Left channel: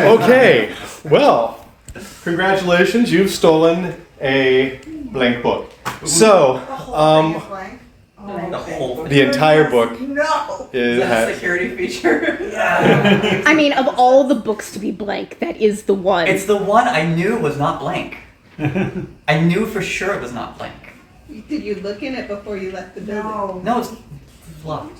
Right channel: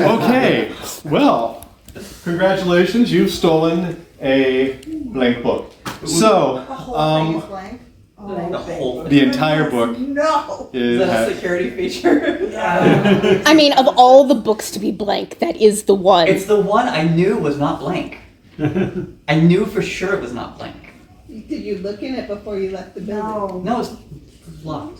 Okay, well, congratulations, you've stolen a blank book. So, The whole thing is blank. the entire book No. Is that a security feature? Yeah. I mean, of all the books to be blank, that is the one. It's the one I knew was not blank. I knew for sure it was not blank. Did you look in it before you left the building? No, it's locked.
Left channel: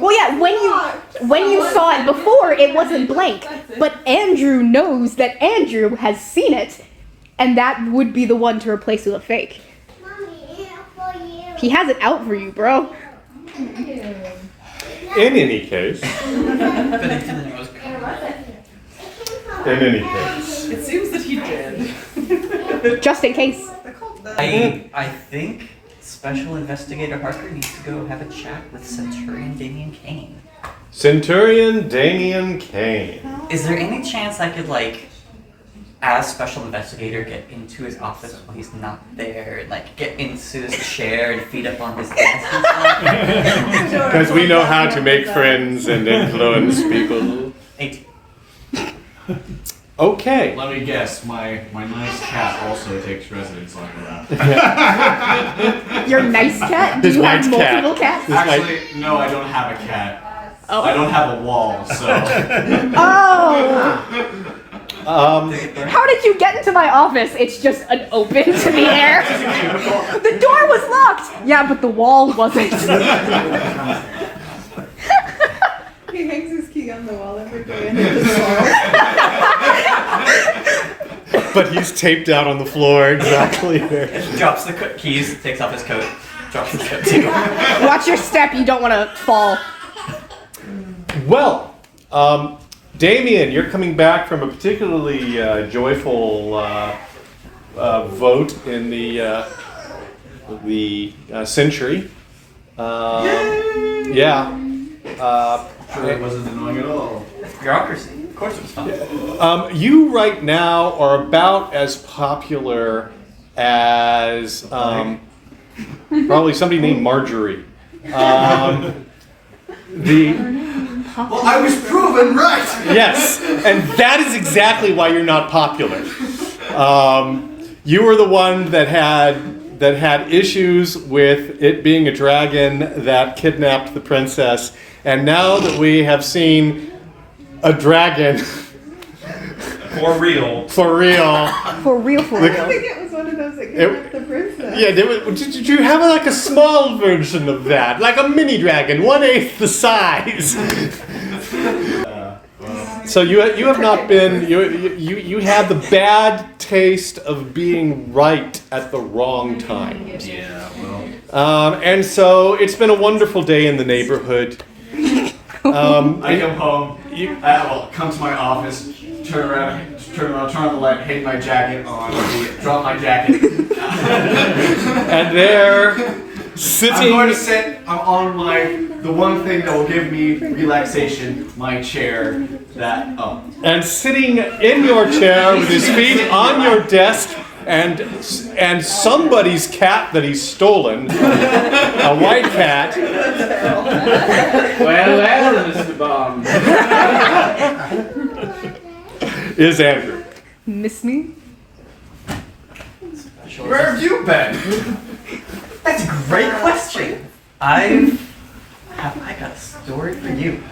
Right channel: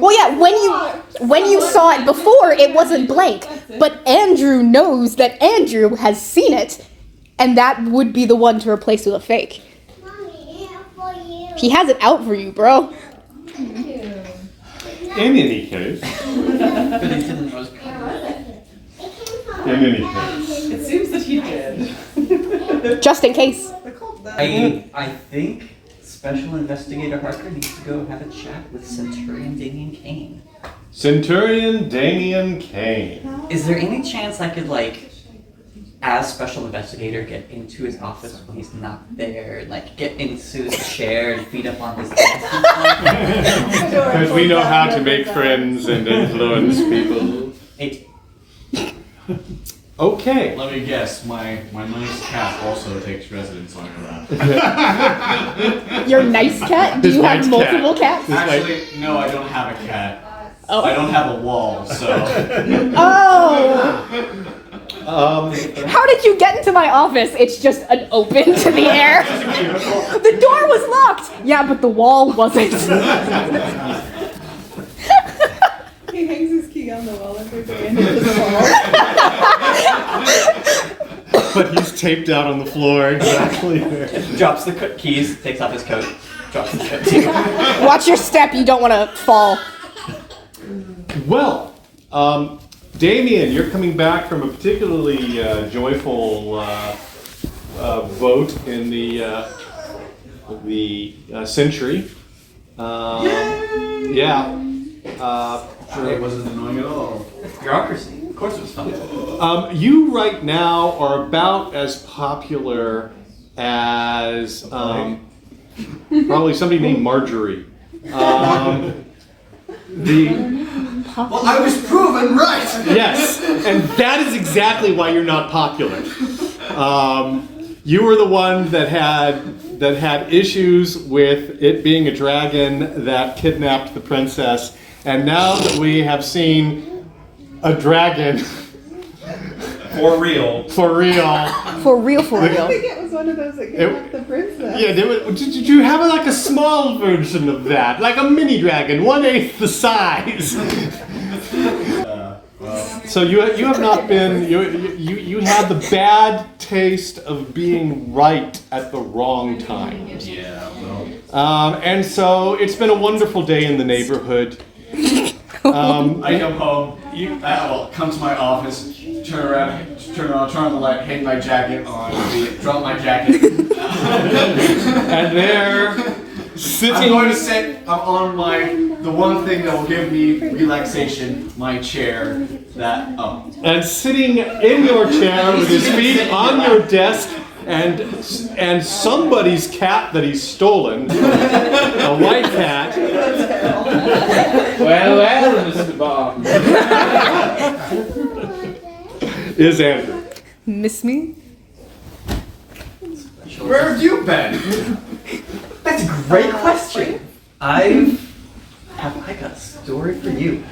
Well, yeah, when you saw it before, it wasn't blank. But Andrew knows that Andrew has seen it, and that would be the one to replace with a fake. He has it out for you, bro. in any case. In any case. It seems that he did. Just in case. I think Special Investigator Harker needs to go have a chat with Centurion Kane. Centurion Kane. Is there any chance I could, like, as Special Investigator, get into his office when he's not there, and, like, get into his chair and feed up on his desk? Because we know how to make friends and influence people. 18. Okay. Let me guess, my nice cat also takes residence on her lap. Your nice cat? Do His you have nice multiple cat. cats? Actually, no, I don't have a cat. Oh. I don't have a wall, so... Oh! How did you get into my office? It's just an open to the air. The door was locked! Yeah, but the wall wasn't. He hangs his key on the wall every day and it just falls. But he's taped out on the floor exactly there. Drops the keys, takes off his coat, drops his coat. Watch your step, you don't want to fall. Well, Damien, you're coming back from a particularly joyful vote in the Century. Yeah. It wasn't annoying at all. Bureaucracy. Of course it was fun. You right now are about as popular as probably somebody named Marjorie. Well, I was proven right! Yes, and that is exactly why you're not popular. You were the one that had issues with it being a dragon that kidnapped the princess, and now that we have seen a dragon For real. For real. I think it was one of those that kidnapped the princess. Yeah, did you have like a small version of that, like a mini dragon, 1/8 the size? So you have not been you had the bad taste of being right at the wrong time. Yeah, well... And so it's been a wonderful day in the neighborhood. I come home, come to my office, turn on the light, hang my jacket on, drop my jacket. And there, sitting... I'm going to sit, I'm on the one thing that will give me relaxation, my chair, And sitting in your chair with his feet on your desk, and somebody's cat that he's stolen, a white cat. Well, Mr. Bond. Is Andrew. Miss me? Where have you been? That's a great question. I got a story for you.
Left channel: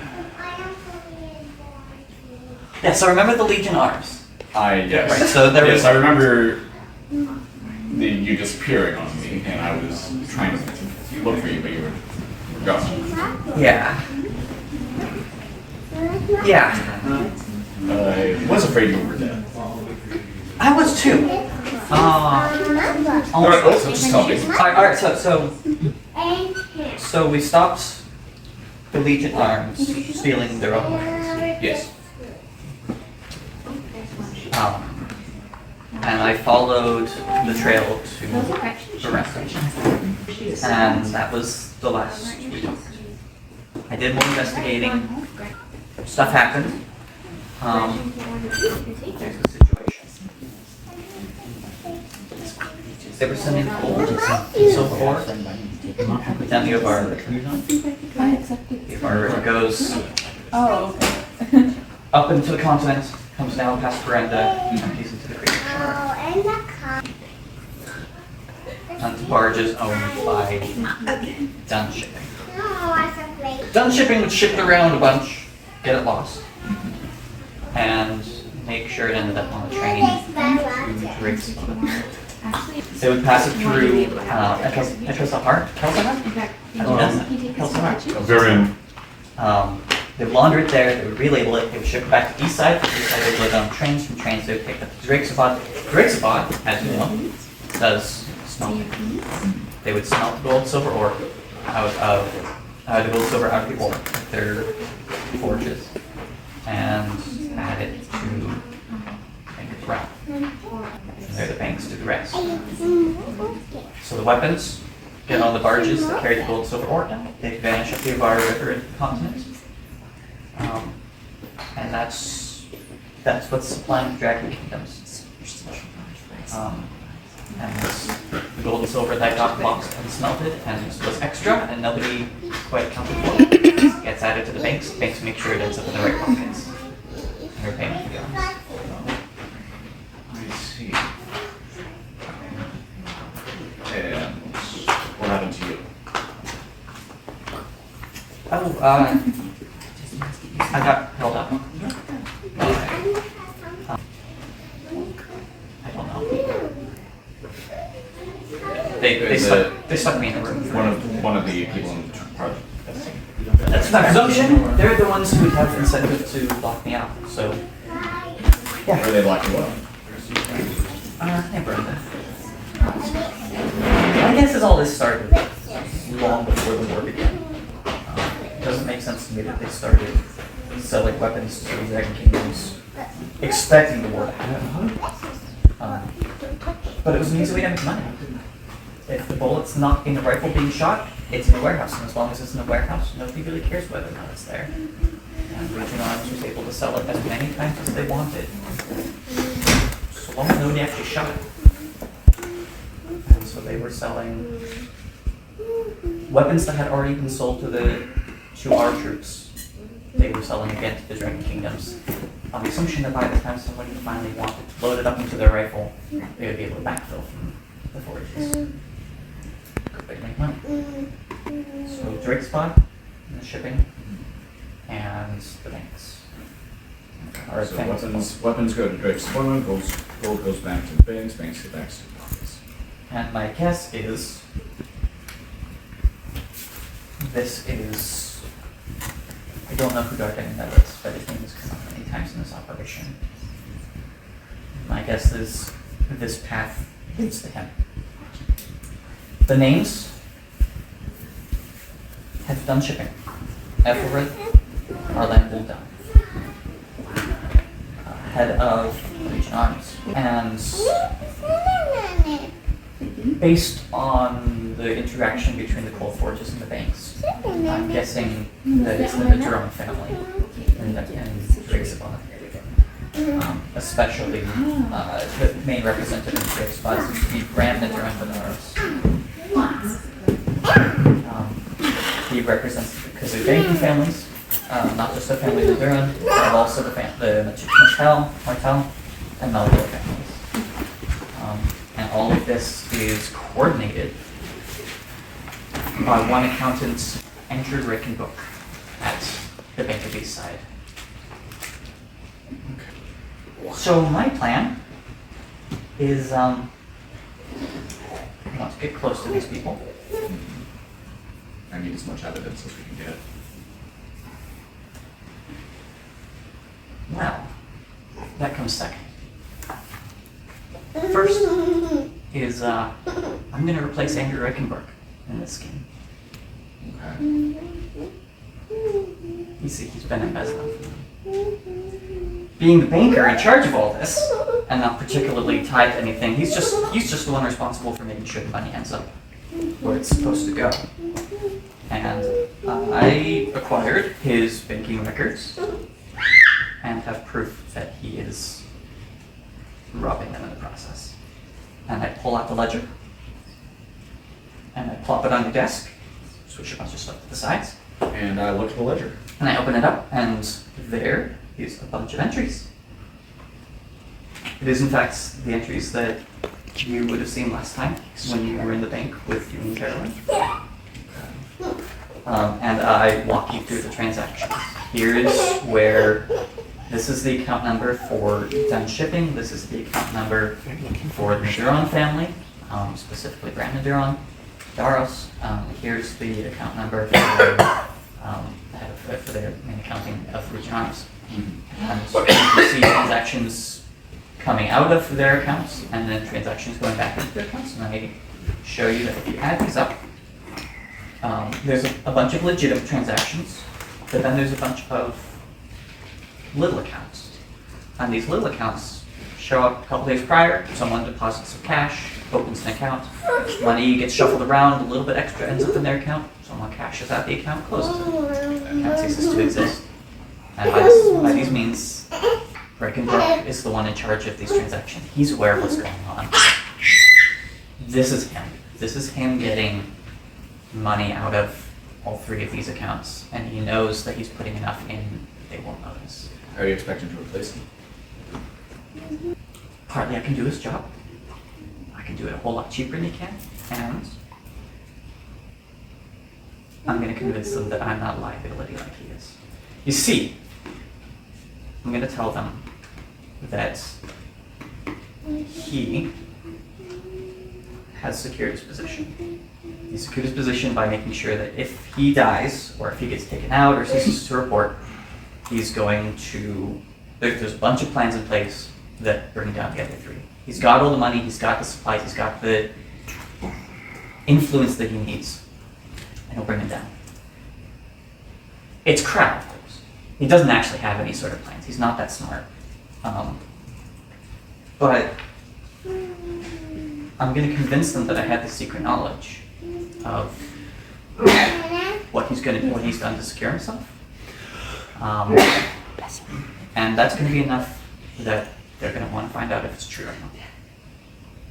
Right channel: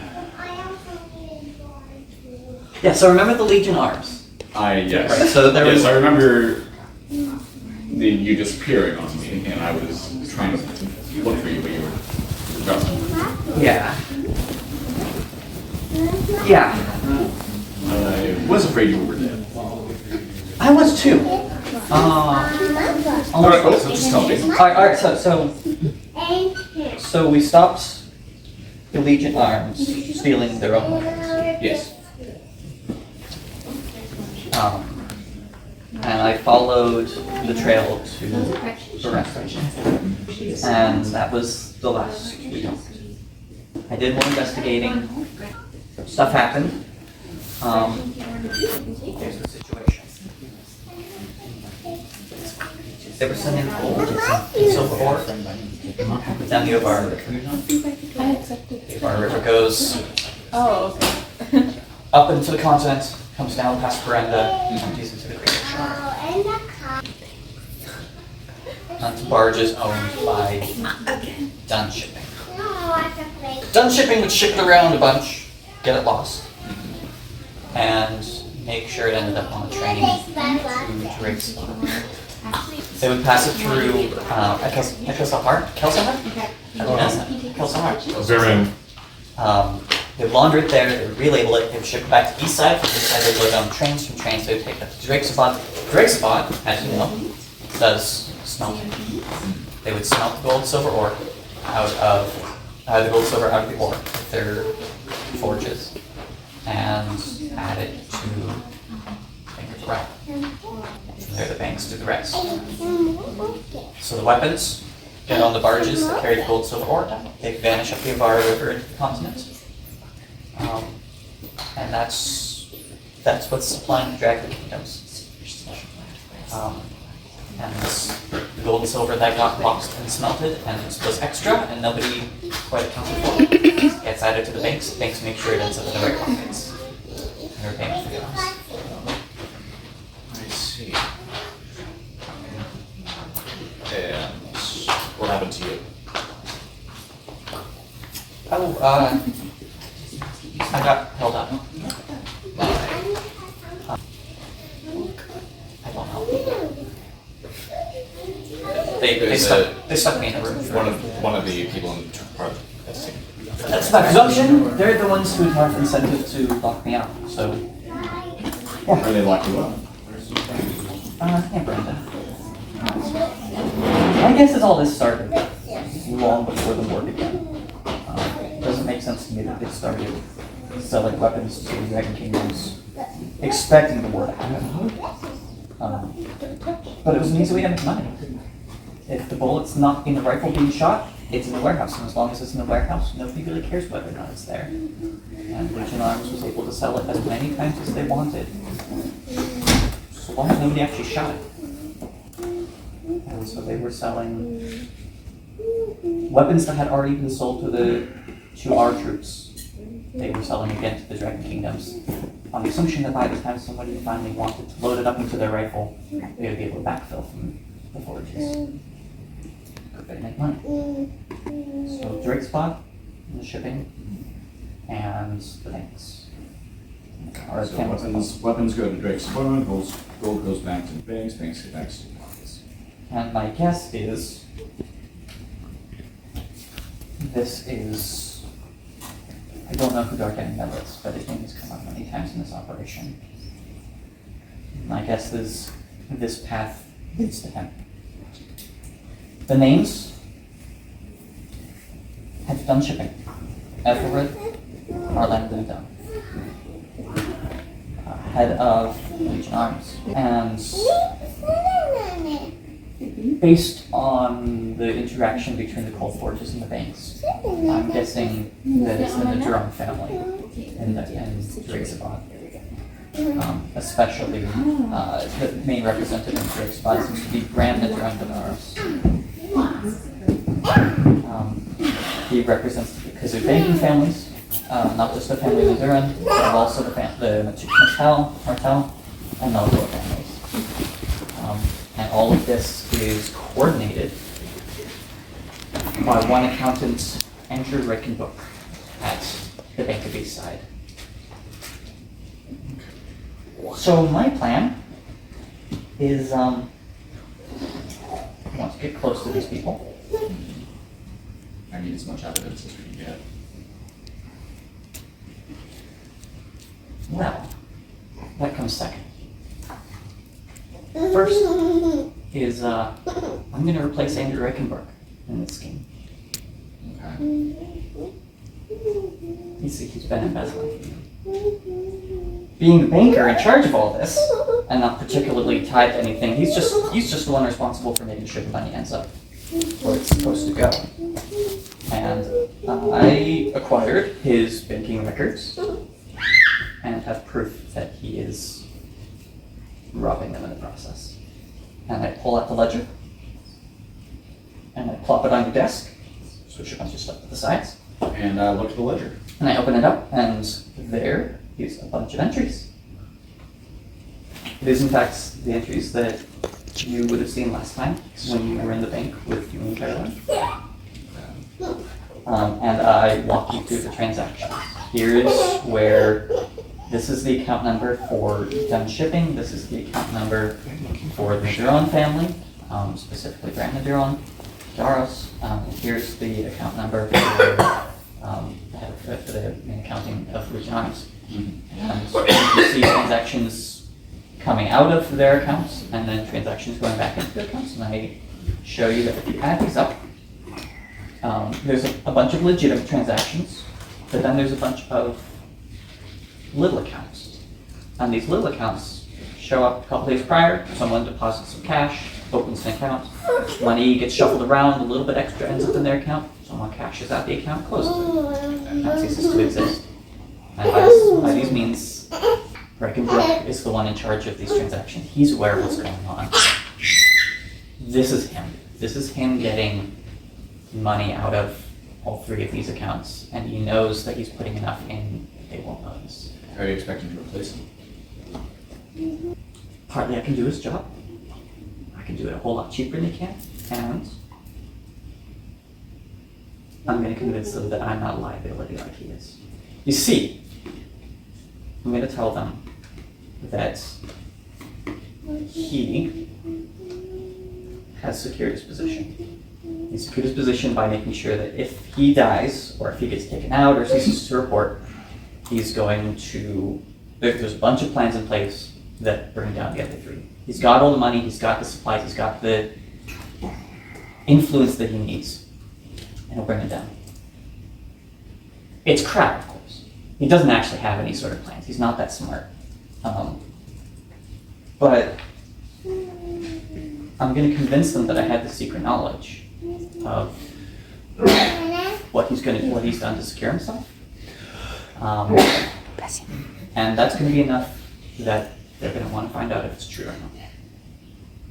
Yeah, so remember the Legion Arms? Yes. Right, so there was... I remember you disappearing on me, and I was trying to look for you, but you were gone. Yeah. Yeah. I was afraid you were dead. I was too. Alright, so just tell me. Alright, so we stopped the Legion Arms stealing their own weapons. Yes. And I followed the trail to the restaurant. And that was the last we talked. I did more investigating. Stuff happened. There's the situation. There was something cold and so forth. Down the Ovar River. I accepted. The Ovar River goes Oh, okay. up into the continent, comes down past veranda, empties into the Great Shore. Onto barges owned by Dunn Shipping. Dunn Shipping would ship it around a bunch, get it lost, and make sure it ended up on the train to Drake's Pond. They would pass it through Kelsahar? Verin. They would launder it there, they would relabel it, they would ship it back to Eastside. From Eastside they would go down trains, from trains they would take it to Drake's Pond. Drake's Pond, as you know, does smelting. They would smelt the gold, silver ore out of the gold, silver out of the ore with their forges and add it to the route. They're the banks do the rest. So the weapons get on the barges that carry the gold, silver ore. They vanish up the Avara River into the continent. And that's what's supplying the Dragon Kingdoms. And this gold and silver that got boxed and smelted and was extra and nobody quite accounted for it gets added to the banks. Banks make sure it ends up in the right pockets. And they're paying for the others. I see. And what happened to you? Oh, I got held up. I don't know. They stuck me in the room. One of the people in part of the team. That's my presumption. They're the ones who have incentive to lock me out. So, Are they locking you up? hey Brenda. I guess it's all this started long before the war began. It doesn't make sense to me that they started selling weapons to the Dragon Kingdoms, expecting the war to happen. But it was an easy way to make money. If the bullet's not in the rifle being shot, it's in the warehouse, and as long as it's in the warehouse, nobody really cares whether or not it's there. And Legion Arms was able to sell it as many times as they wanted, so long as nobody actually shot it. And so they were selling weapons that had already been sold to our troops. They were selling again to the Dragon Kingdoms, on the assumption that by the time somebody finally wanted to load it up into their rifle, they would be able to backfill from the forges. They make money. So Drake's Pond, the shipping, and the banks. So weapons go to Drake's Pond, gold goes back to the banks go back to the pockets. And my guess is this is, I don't know who Dark Enemy is, but his name has come up many times in this operation. My guess is this path leads to him. The names have Dunn Shipping, Ethelred, Orlando Dunn, head of Legion Arms, and based on the interaction between the coal forges and the banks, I'm guessing that it's the Drone family and Drake's Pond. Especially the main representative in Drake's Pond seems to be Bram the Drone. He represents the Kazoo banking families, not just the family of Duran, but also the Martel, and Melville families. And all of this is coordinated by one accountant, Andrew Ryken Brook, at the Bank of Eastside. So my plan is, I want to get close to these people. I need as much evidence as we can get. Well, that comes second. First is, I'm going to replace Andrew Ryken Brook in this scheme. Okay. He's been embezzling. Being the banker in charge of all this, and not particularly tied to anything, he's just the one responsible for making sure the money ends up where it's supposed to go. And I acquired his banking records and have proof that he is robbing them in the process. And I pull out the ledger, and I plop it on your desk, switch a bunch of stuff to the sides, And I look at the ledger. and I open it up, and there is a bunch of entries. It is in fact the entries that you would have seen last time when you were in the bank with you and Caroline. And I walk you through the transaction. Here is where this is the account number for Dunn Shipping. This is the account number for the Duron family, specifically Brandon Duron, Daros. Here's the account number for the main accounting of Region Arms. And you can see transactions coming out of their accounts and then transactions going back into their accounts. And I show you that if you add these up, there's a bunch of legitimate transactions, but then there's a bunch of little accounts. And these little accounts show up a couple days prior, someone deposits some cash, opens an account, money gets shuffled around, a little bit extra ends up in their account, someone cashes out the account, closes it. Account ceases to exist. And by these means, Ryken Brook is the one in charge of these transactions. He's aware of what's going on. This is him. This is him getting money out of all three of these accounts, and he knows that he's putting enough in they won't notice. Are you expecting to replace him? Partly I can do his job. I can do it a whole lot cheaper than he can, and I'm going to convince them that I'm not a liability like he is. You see, I'm going to tell them that he has secured his position. He secured his position by making sure that if he dies, or if he gets taken out, or ceases to report, he's going to, there's a bunch of plans in place that bring down the other three. He's got all the money, he's got the supplies, he's got the influence that he needs, and he'll bring them down. It's crap, of course. He doesn't actually have any sort of plans. He's not that smart. But I'm going to convince them that I have the secret knowledge of what he's done to secure himself. And that's going to be enough that they're going to want to find out if it's true or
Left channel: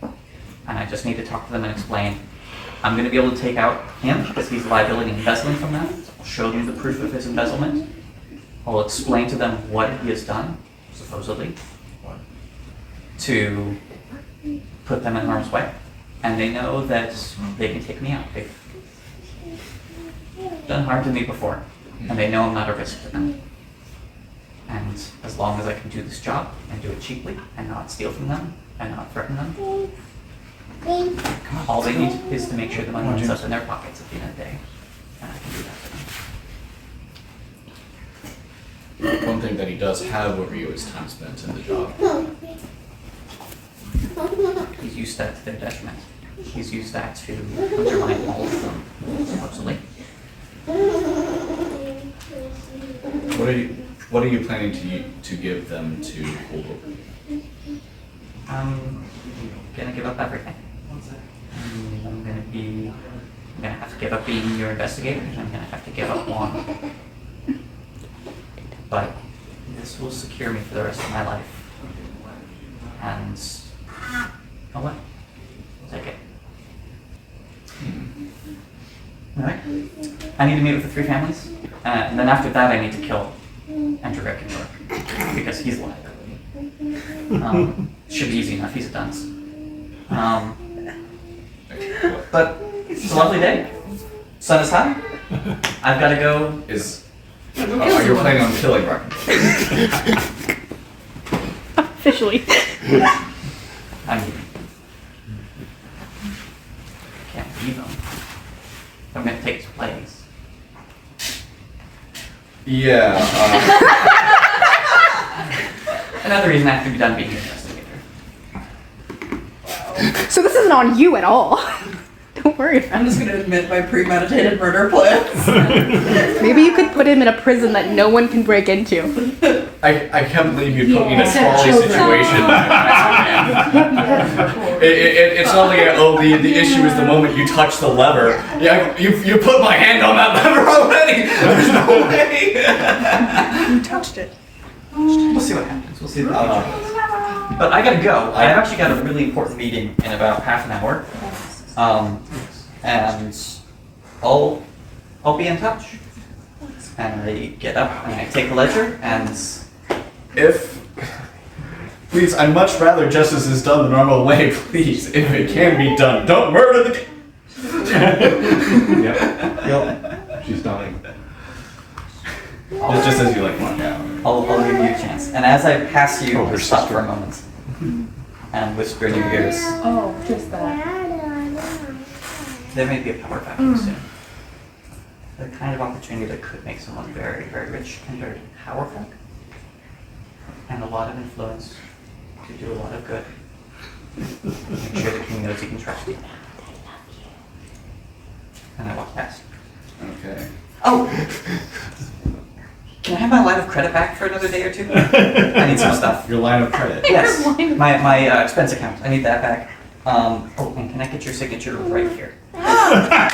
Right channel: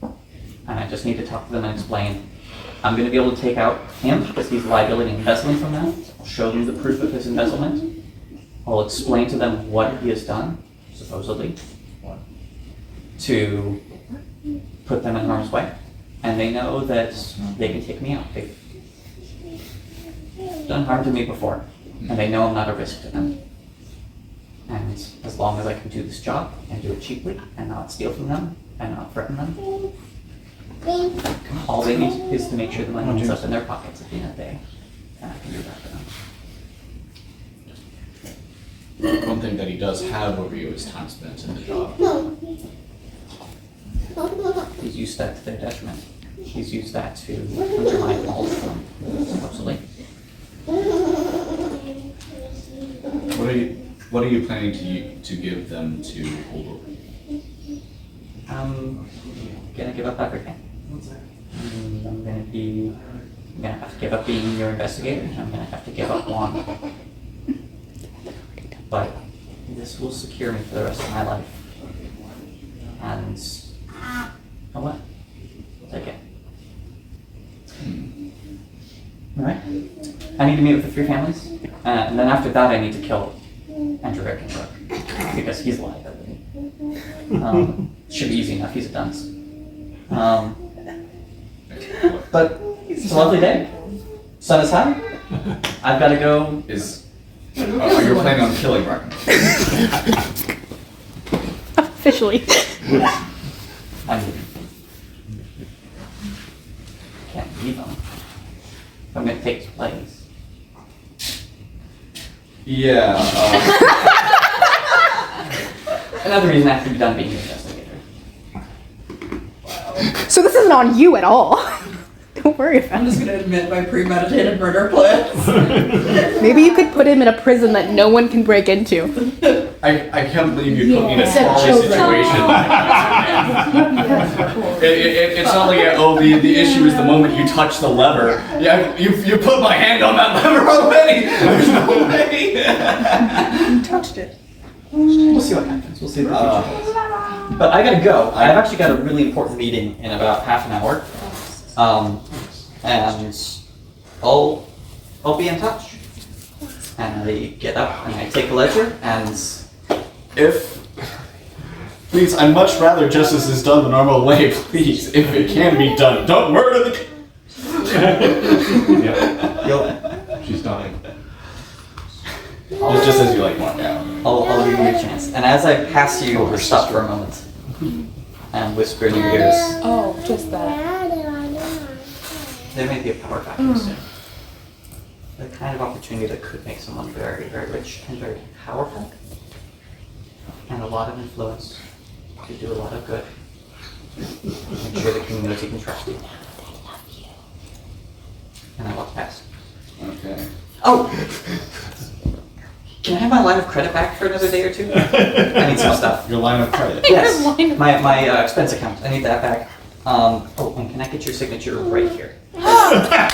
not. And I just need to talk to them and explain. I'm going to be able to take out him because he's a liability and embezzling from that. I'll show them the proof of his embezzlement. I'll explain to them what he has done, supposedly, to put them in harm's way. And they know that they can take me out. They've done harm to me before, and they know I'm not a risk to them. And as long as I can do this job and do it cheaply and not steal from them and not threaten them, all they need is to make sure the money ends up in their pockets at the end of the day. And I can do that for them. One thing that he does have over you is time spent in the job. He's used that to their detriment. He's used that to undermine all of them, supposedly. What are you planning to give them to hold over? I'm gonna give up everything. I'm gonna have to give up being your investigator. I'm gonna have to give up Juan. But this will secure me for the rest of my life. And oh what? Take it. Alright? I need to meet with the three families. And then after that I need to kill Andrew Ryken Brook. Because he's a liability. Should be easy enough, he's a dunce. But it's a lovely day. Sun is high. I've got to go. Are you planning on killing Ryken? Officially. I mean, can't leave them. I'm going to take his place. Yeah. Another reason I have to be done being an investigator. So this isn't on you at all. Don't worry about I'm it. just gonna admit my premeditated murder plans. Maybe you could put him in a prison that no one can break into. I can't believe you put me in a small situation. It's not like the issue is the moment you touch the lever. Yeah, you put my hand on that lever already. There's no way. You touched it. We'll see what happens. We'll see what happens. But I gotta go. I've actually got a really important meeting in about half an hour. And I'll be in touch. And I get up and I take the ledger and Please, I'd much rather justice is done the normal way, please. If it can be done, don't murder the Yeah. She's dying. Just as you like walk out. I'll give you a chance. And as I pass you, Oh, her stop sister. for a moment and whisper in your ears. Oh, just that. There may be a power vacuum soon. The kind of opportunity that could make someone very, very rich and very powerful. And a lot of influence to do a lot of good. Make sure the king knows he can trust you. And I walk past. Okay. Oh! Can I have my line of credit back for another day or two? I need some stuff. Your line of credit. Yes, my expense account. I need that back. Oh, and can I get your signature right here? Here's a pen.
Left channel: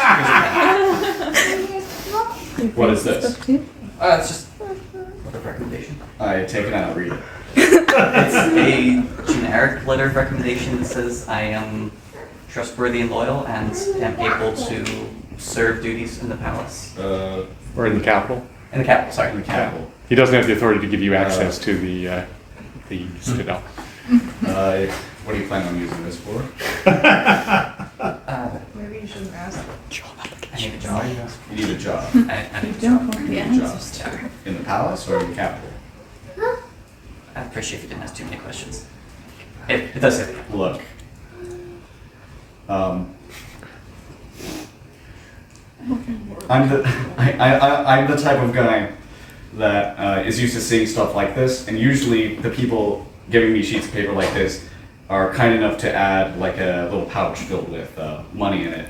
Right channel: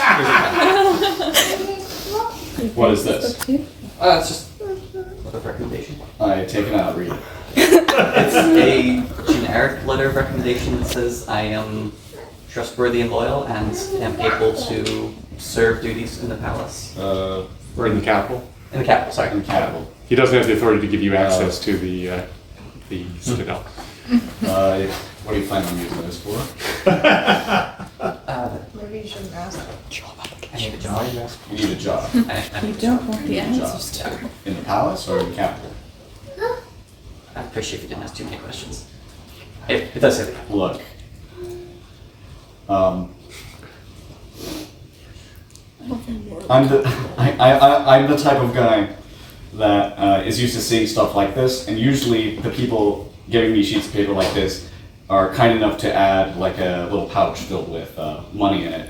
What is this? It's just a letter of recommendation. I take it out, read it. It's a generic letter of recommendation that says I am trustworthy and loyal and am able to serve duties in the palace. Or in the capital. In the capital, sorry. In the capital. He doesn't have the authority to give you access to the citadel. What do you plan on using this for? Maybe you shouldn't ask. I need a job. You need a job. I need a job. want the answers to. In the palace or in the capital? I'd appreciate if you didn't ask too many questions. It does say that. Look. I'm the type of guy that is used to seeing stuff like this, and usually the people giving me sheets of paper like this are kind enough to add like a little pouch filled with money in it.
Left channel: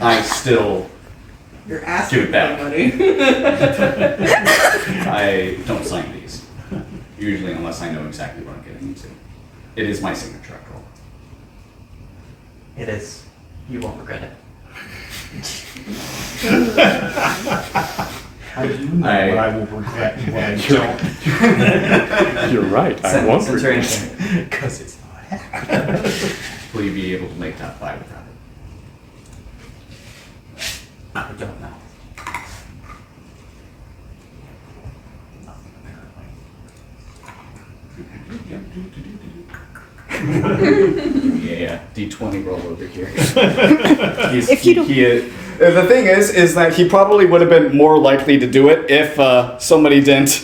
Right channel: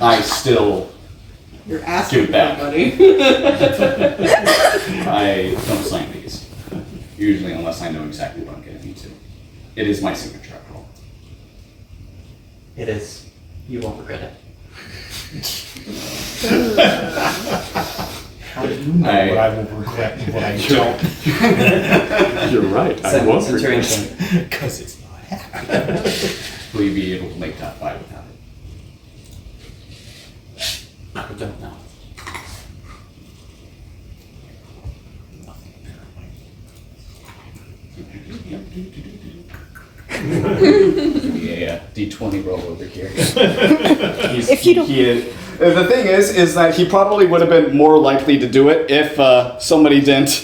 I still You're asking Give it back. somebody. I don't sign these, usually unless I know exactly what I'm getting into. It is my signature after all. It is. You won't regret it. How do you know what I will regret and what I don't? You're right. I won't Centurion regret it. Kane. Because it's not happening. Will you be able to make that fly without it? I don't know. Yeah, D20 roll over here. If you don't- The thing is that he probably would have been more likely to do it if somebody didn't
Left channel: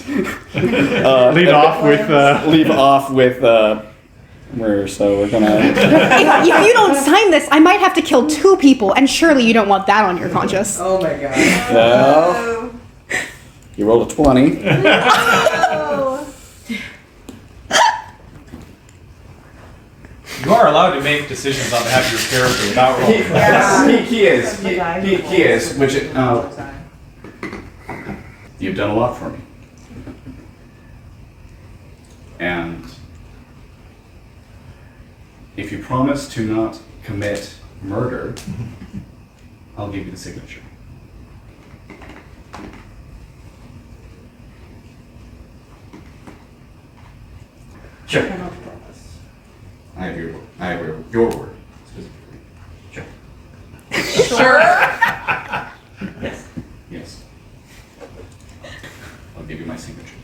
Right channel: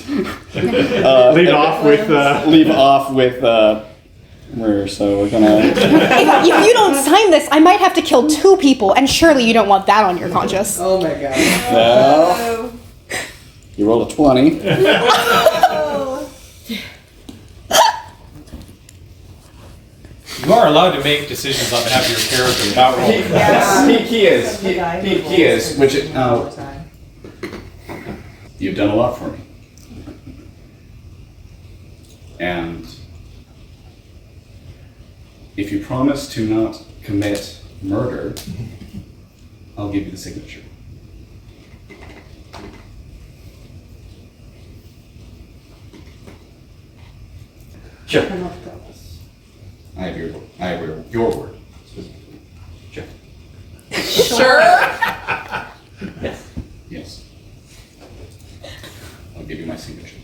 Lead off with. leave off with. So we're gonna. If you don't sign this, I might have to kill 2 people, and surely you don't want that on your conscience. Oh my god. Well, you rolled a 20. You are allowed to make decisions on behalf of your character without rolling. Yeah. He is. He is. Which you've done a lot for me, and if you promise to not commit murder, I'll give you the signature. Sure. I have your word specifically. Sure. Sure. Yes. Yes. I'll give you my signature.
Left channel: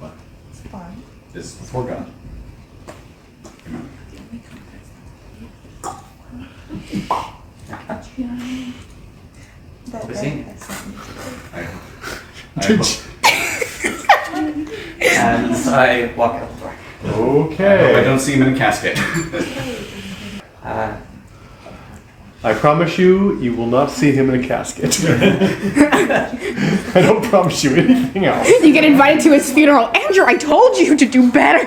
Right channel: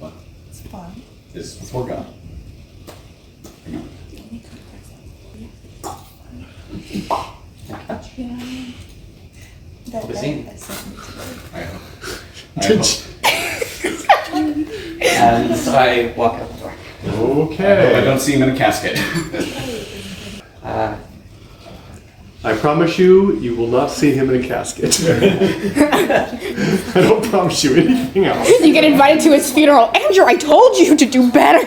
But It's fine. this is before God. You know. We'll be seeing. I hope. I hope. And I walk out the door. I hope I Okay. don't see him in a casket. I promise you, you will not see him in a casket. I don't promise you anything else. You get invited to his funeral. Andrew, I told you to do better.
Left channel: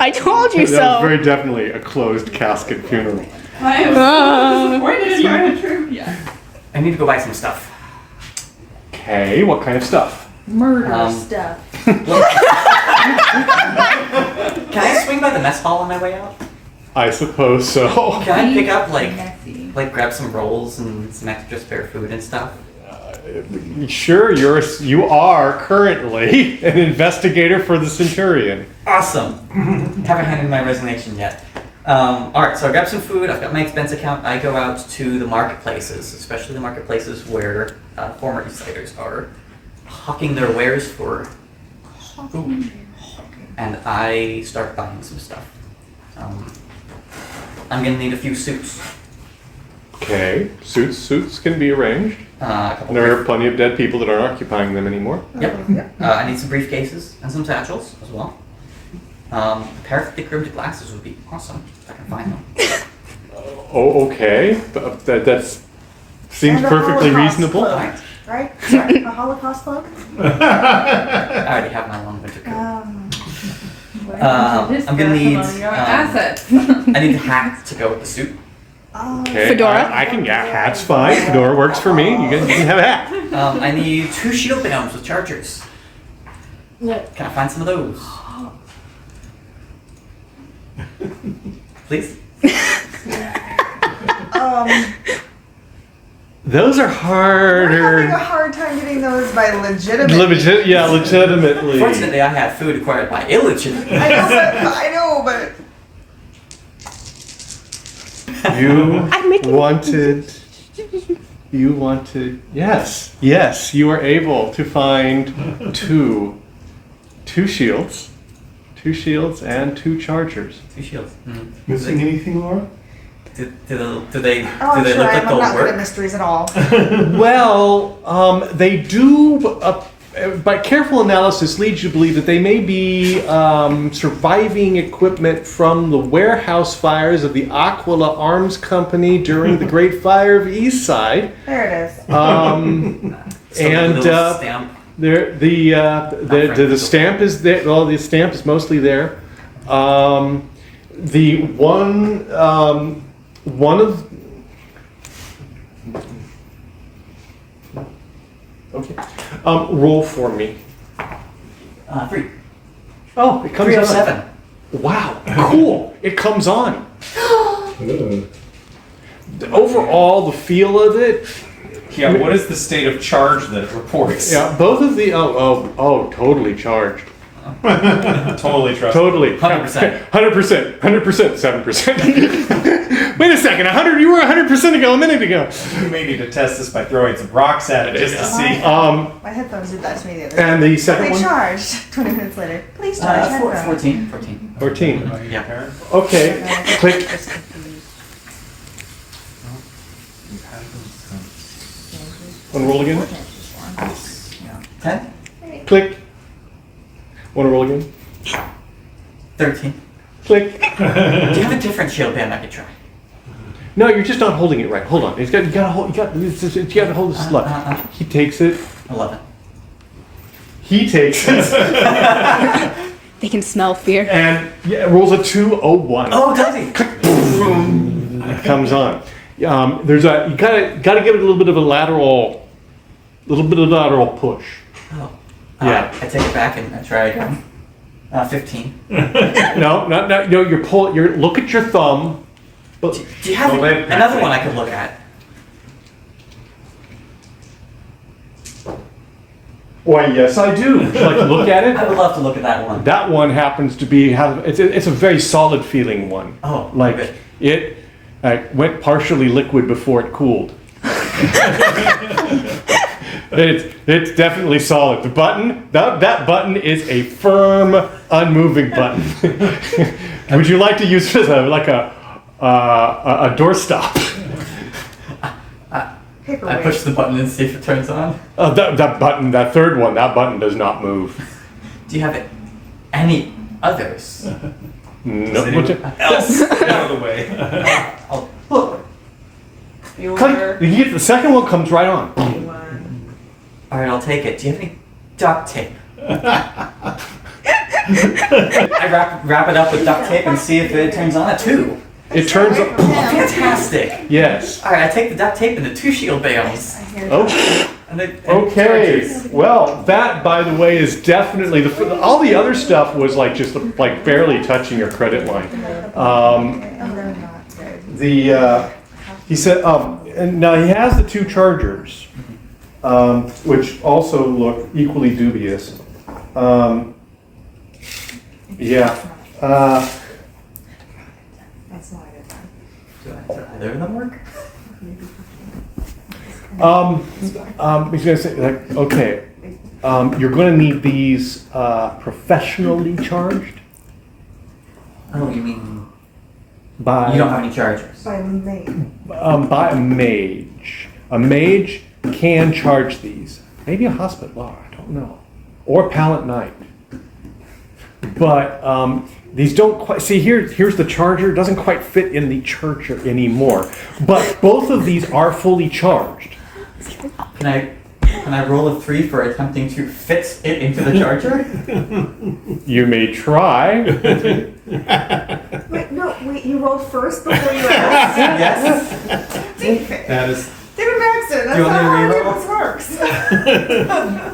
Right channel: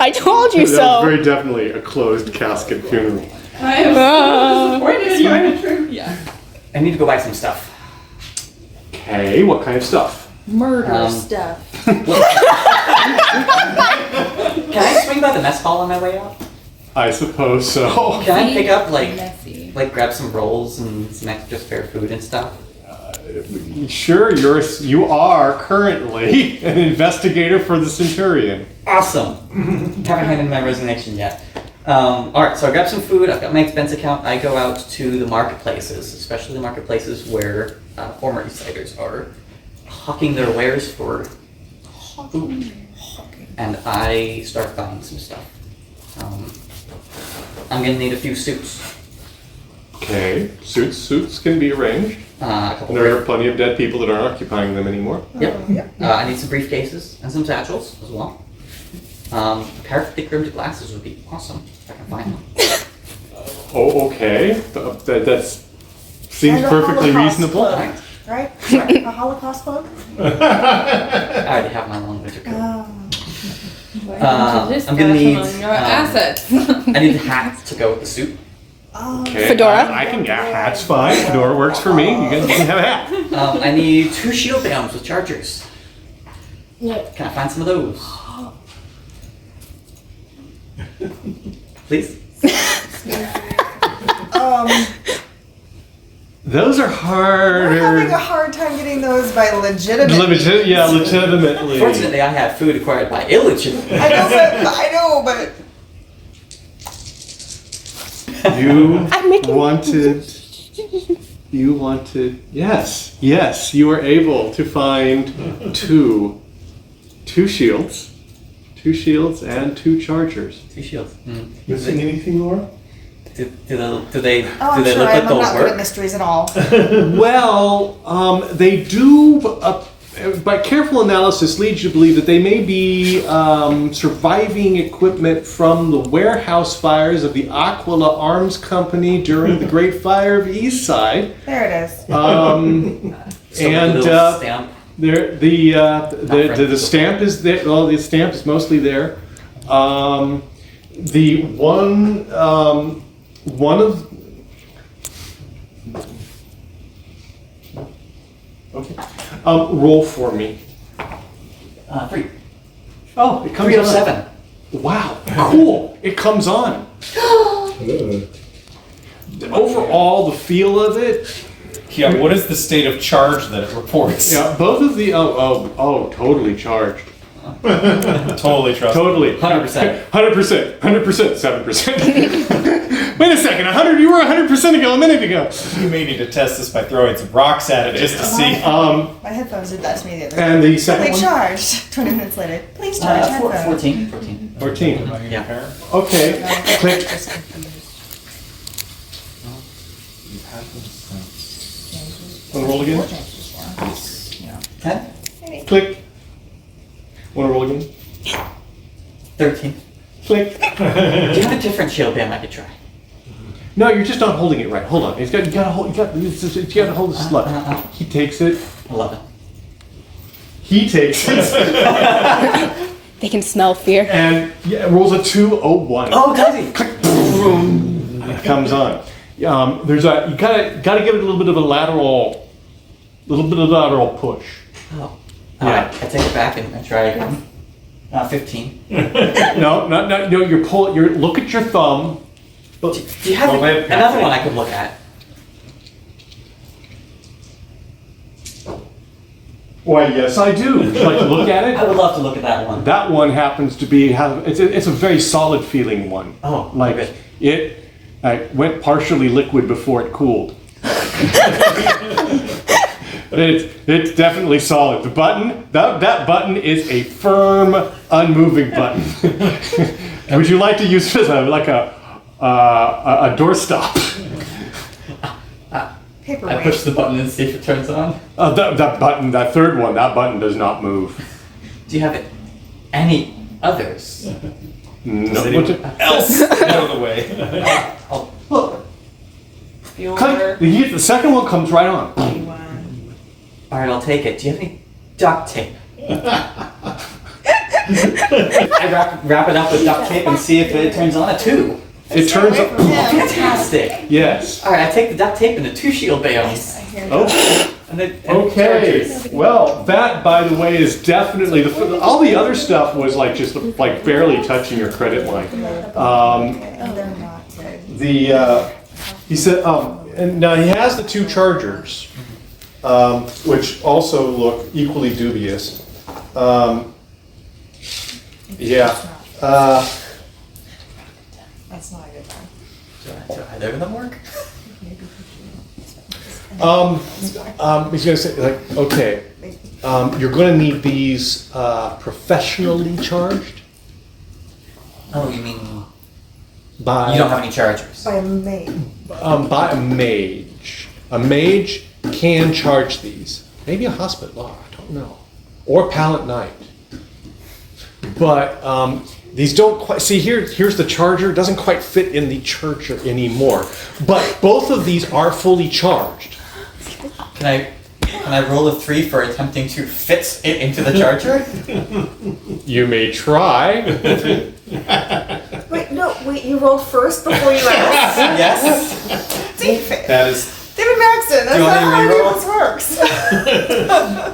I told you That is so. very definitely a closed casket funeral. I am Ah. disappointed in my true. Yeah. I need to go buy some stuff. Okay, what kind of stuff? Murder stuff. Can I swing by the mess hall on my way out? I suppose so. Can I pick up Messy. like grab some rolls and some extra spare food and stuff? Sure, you are currently an investigator for the Centurion. Awesome. Haven't handed my resignation yet. All right, so I grab some food. I've got my expense account. I go out to the marketplaces, especially the marketplaces where former Eastsiders are hawking their wares for Ooh. And I start buying some stuff. I'm gonna need a few suits. Okay, suits can be arranged. A couple There are plenty of dead people that aren't occupying them anymore. Yep. I need some briefcases and some satchels as well. A pair of thick rimmed glasses would be awesome if I can find them. Oh, okay. That seems And a perfectly Holocaust reasonable. cloak, right? Sorry, a Holocaust cloak? I already have my long winter coat. Just I'm gonna need. assets. I need a hat to go with the suit. Okay, Fedora? I can get hat's fine. Fedora works for me. You can have a hat. I need 2 shield bams with chargers. Can I find some of those? Please? Those are We're having harder. a hard time getting those by legitimate means. Legitimately. Fortunately, I have food acquired by illegitimate. I know, but You I'm making- wanted, yes, you are able to find two shields and 2 chargers. 2 shields. Missing anything, Laura? Do they I'm look sure like I'm they'll not good at work? mysteries at all. Well, they do, by careful analysis, leads you to believe that they may be surviving equipment from the warehouse fires of the Aquila Arms Company during the Great Fire of Eastside. There it is. And Little stamp. the stamp is there. Well, the stamp is mostly there. The one of okay. Roll for me. 3. Oh, it comes 3 of on. 7. Wow, cool! It comes on. Overall, the feel of it. Yeah, what is the state of charge that it reports? Yeah, both of the totally charged. Totally trust. Totally. 100%. 100%. 7%. Wait a second. 100. You were 100% ago a minute ago. You may need to test this by throwing some rocks at it just to see. My headphones did that to me the other day. And the second They one. charged 20 minutes later. Please charge headphones. 14. 14. Yeah. Okay. Click. Want to roll again? 10. Click. Want to roll again? 13. Click. Do you have a different shield bam I could try? No, you're just not holding it right. Hold on. You got to hold. You got to hold the slug. He takes it. 11. He takes it. They can smell fear. And rolls a 201. Oh, does he? It comes on. There's a you gotta give it a little bit of a lateral push. Oh. Yeah. I take it back and I try again. 15. No. You're look at your thumb. Do you have The lid another passing. one I could look at? Why, yes, I do. Would you like to look at I it? would love to look at that one. That one happens to be it's a very solid feeling one. Oh, like okay. it went partially liquid before it cooled. It's definitely solid. The button that button is a firm, unmoving button. Would you like to use it as a doorstop? I push the button and see if it turns on. That button, that third one, that button does not move. Do you have any others? No. Does anyone else out of the way? Oh, look. The second one comes right on. All right, I'll take it. Do you have any duct tape? I wrap it up with duct tape and see if it turns on. A 2. It turns Away up. from him. Fantastic. Yes. All right, I take the duct tape and the 2 shield bales. I hear Oh. And Okay. chargers. Well, that, by the way, is definitely all the other stuff was like just like barely touching your credit line. they're not good. He said, and now he has the 2 chargers, which also look equally dubious. Yeah. That's not a good one. Do either of them work? He's gonna say like, okay, You're going to need these professionally charged Oh, you mean by you don't have any chargers? By May. by a mage. A mage can charge these. Maybe a hospital. I don't know. Or pallet knight. But these don't quite see here's the charger. It doesn't quite fit in the charger anymore. But both of these are fully charged. Can I roll a 3 for attempting to fit it into the charger? You may try. Wait, you rolled first before you asked? Yes. David. That is. David Maxton, that's Do you not want how me to any reroll? of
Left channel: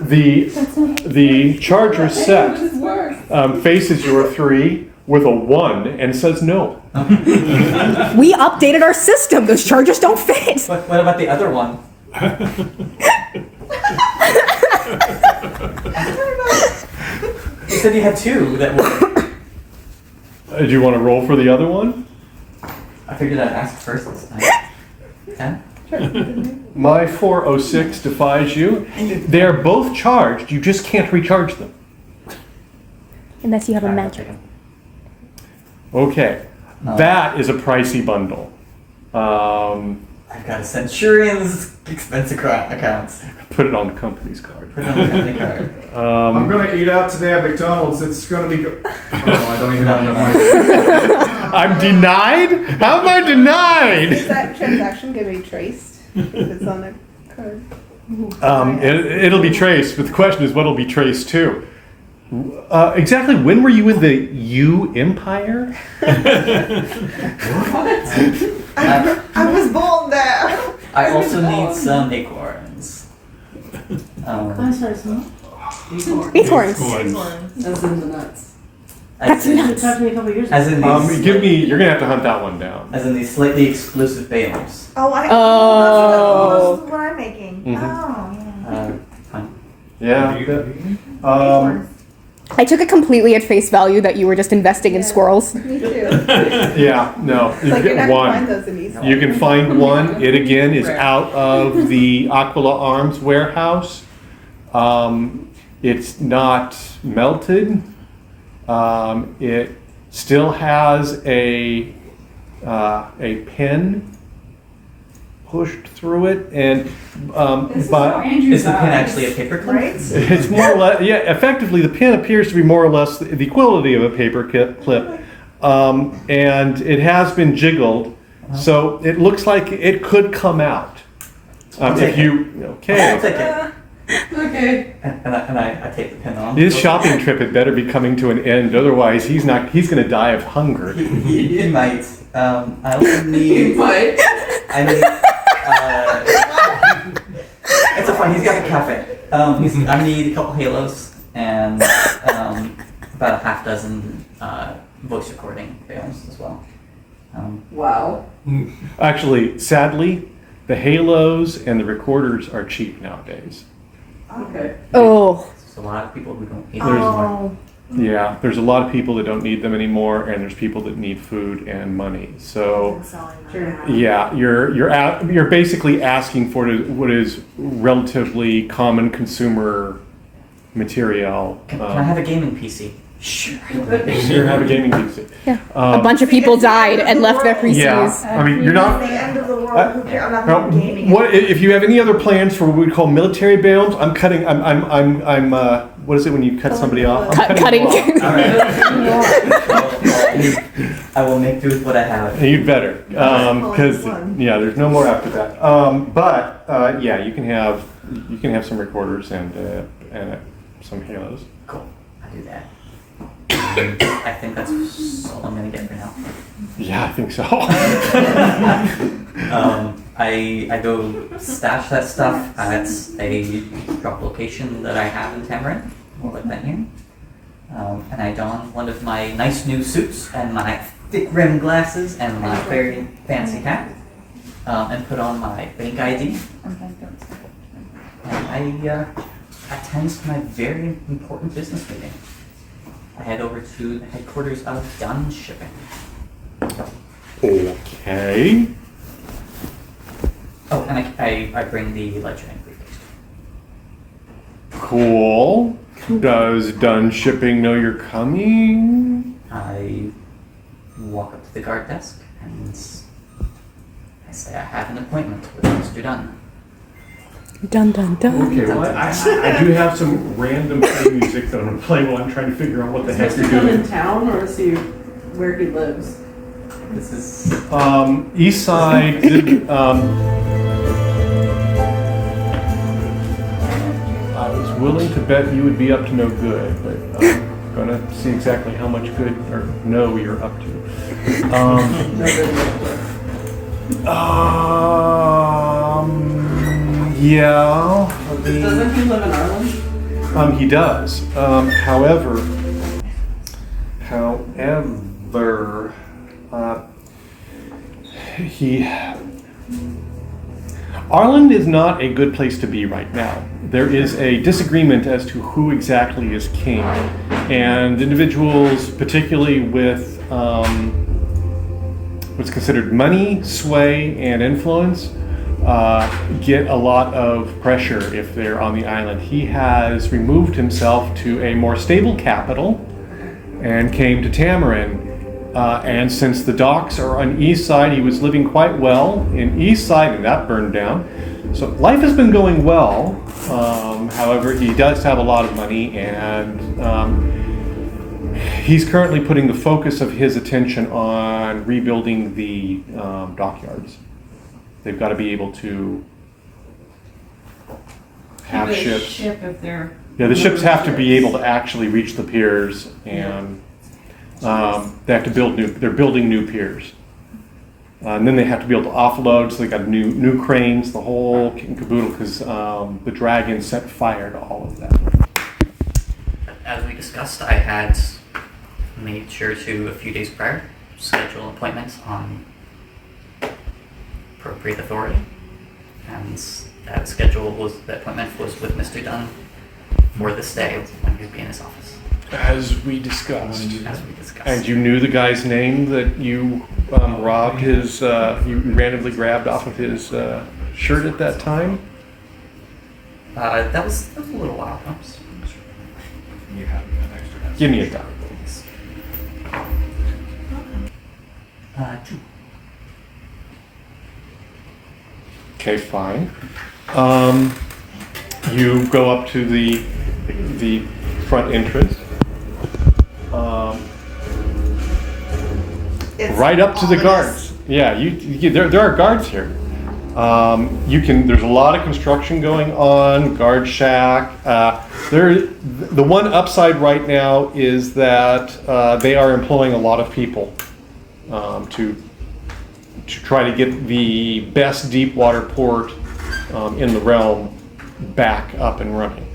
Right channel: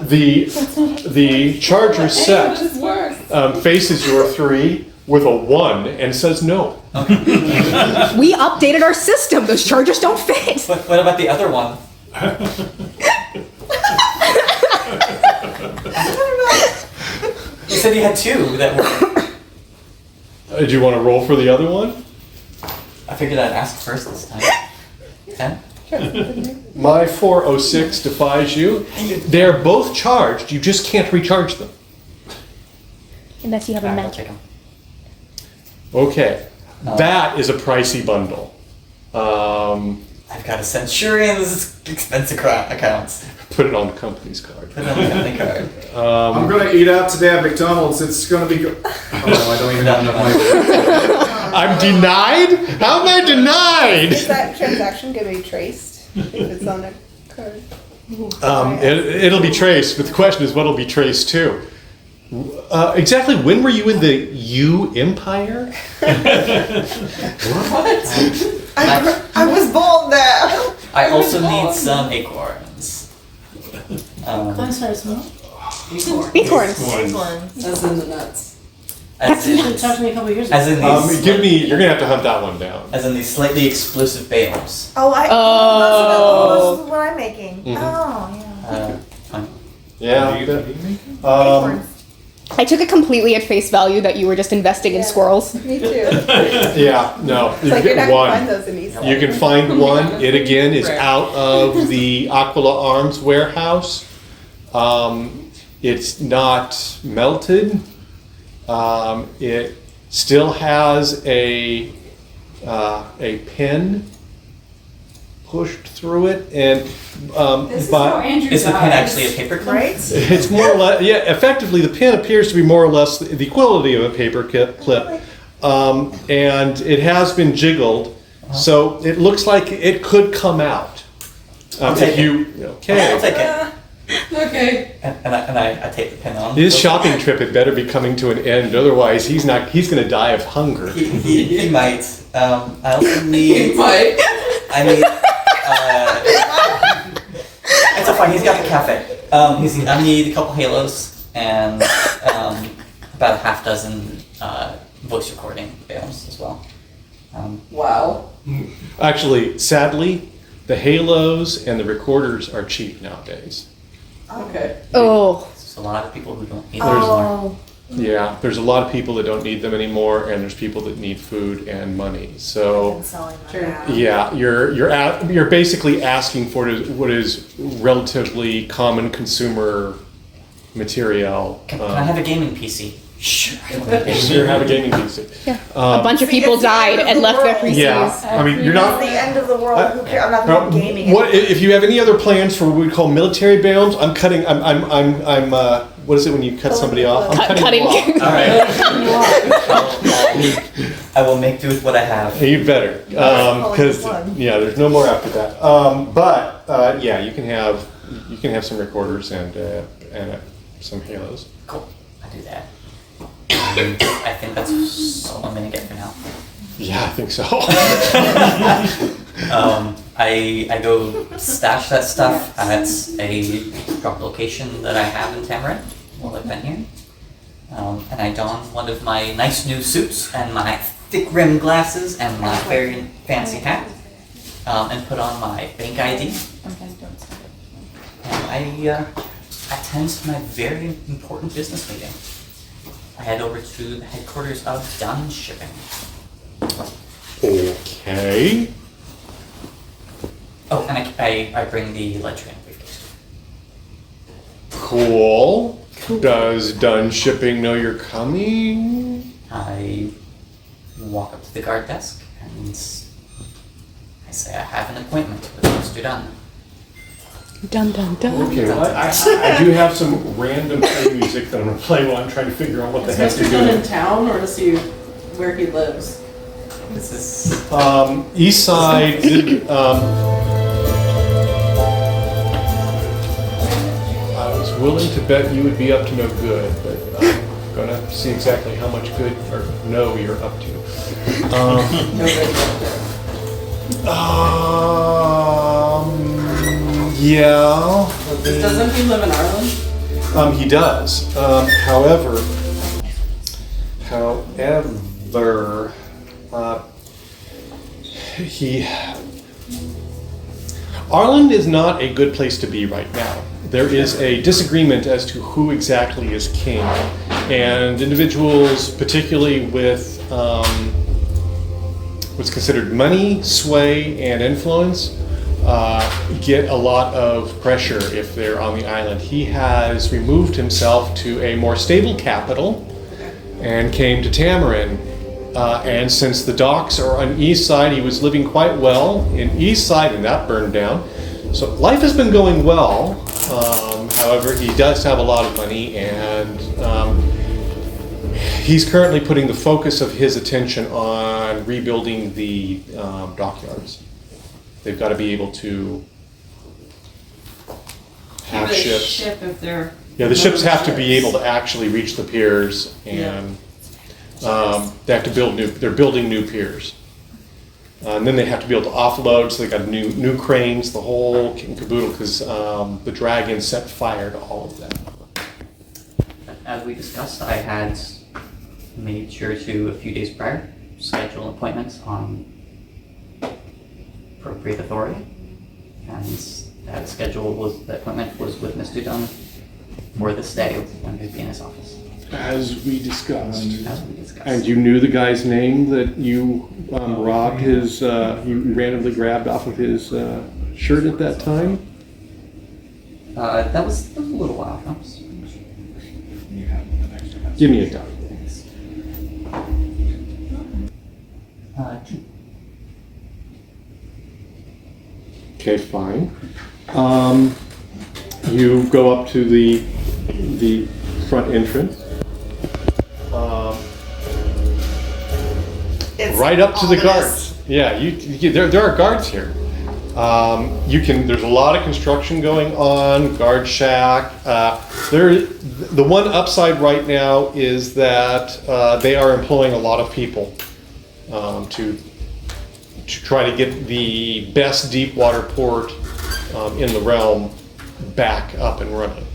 this works. The charger set This works. faces your 3 with a 1 and says no. We updated our system. Those chargers don't fit. What about the other one? You said you had 2 that were. Do you want to roll for the other one? I figured I'd ask first this time. 10? My 406 defies you. They're both charged. You just can't recharge them. Unless you have a Alright, I'll magic. take 'em. Okay. That is a pricey bundle. I've got a Centurion's expense account. Put it on the company's card. Put it on the company card. I'm gonna eat out today at McDonald's. It's gonna be good. Oh, I don't even No, know. I'm denied? How am I denied? Is that transaction going to be traced if it's on a card? It'll be traced, but the question is what'll be traced to? Exactly when were you in the U Empire? I was born there. I also need some acorns. Acorns. That's in the nuts. As You in, should touch me a couple years ago. as in these, You're gonna have to hunt that one down. as in these slightly explosive bales. Oh, Oh. that's what I'm making. Mhm. Oh, Fine. Yeah. yeah. I took it completely at face value that you were just investing in Yeah. squirrels. Me too. Yeah, no. It's You like you're get not gonna one. find those in Eastside. You can find one. It again is Right. out of the Aquila Arms warehouse. It's not melted. It still has a pin pushed through it, and This is but how Andrew Is the pin dies. actually a paper clip? Right? it's more or less, yeah, effectively the pin appears to be more or less the equality of a paper clip, and it has been jiggled, so it looks like it could come out. I'll If take you, I'll okay, take it. Okay. And I take the pin on. his shopping trip had better be coming to an end, otherwise he's gonna die of hunger. He might. I also need. But I need. It's so fine. He's got a cafe. I need a couple halos and about a half dozen voice recording bales as well. wow. Actually, sadly, the halos and the recorders are cheap nowadays. Okay. Oh. There's a lot of people who don't need those anymore. Yeah, there's a lot of people that don't need them anymore, and there's people that need food and money. So, Sure. yeah, you're basically asking for what is relatively common consumer material. Can I have a gaming PC? Sure. Sure, have a gaming PC. A bunch of people died and left their PCs. Yeah, I mean, you're It's not. the end of the world. Who cares? I'm not Now, even gaming. what if you have any other plans for what we call military bales? I'm cutting. I'm. What is it when you cut somebody off? I'm cutting. them off. I will make do with what I have. You better, because yeah, there's no more after that. But yeah, you can have some recorders and some halos. Cool. I do that. I think that's all I'm gonna get for now. Yeah, I think so. I go stash that stuff at a drop location that I have in Tamarin while I've been here. And I don one of my nice new suits and my thick rimmed glasses and my very fancy hat. And put on my bank ID. And I attend my very important business meeting. I head over to the headquarters of Dunn Shipping. Okay. Oh, and I bring the ledger and briefcase. Cool. Does Dunn Shipping know you're coming? I walk up to the guard desk and I say I have an appointment with Mr. Dunn. Dun dun dun. Okay, well, I do have some random play music that I'm gonna play while I'm trying to figure out what the heck Is you're Mr. Dunn doing. in town, or is he where he lives? This is Eastside, I was willing to bet you would be up to no good, but I'm gonna see exactly how much good or no you're up to. No good. Yeah. Doesn't he live in Ireland? He does. However, Ireland is not a good place to be right now. There is a disagreement as to who exactly is king, and individuals, particularly with what's considered money, sway, and influence, get a lot of pressure if they're on the island. He has removed himself to a more stable capital and came to Tamarin. And since the docks are on Eastside, he was living quite well in Eastside, and that burned down. So life has been going well. However, he does have a lot of money, and he's currently putting the focus of his attention on rebuilding the dockyards. They've got to be able to have ships. Ship if they're. Yeah, the ships have to be able to actually reach the piers, and they have to build new. They're building new piers, and then they have to be able to offload. So they got new cranes, the whole kit and caboodle, because the dragon set fire to all of that. As we discussed, I had made sure to, a few days prior, schedule appointments on appropriate authority. And that appointment was with Mr. Dunn for this day when he'd be in his office. As we discussed. As we discussed. And you knew the guy's name that you robbed his, you randomly grabbed off of his shirt at that time? That was a little while ago. Give me a time. 2. Okay, fine. You go up to the front entrance. Right up to the guards. Yeah, there are guards here. There's a lot of construction going on, guard shack. The one upside right now is that they are employing a lot of people to try to get the best deep water port in the realm back up and running.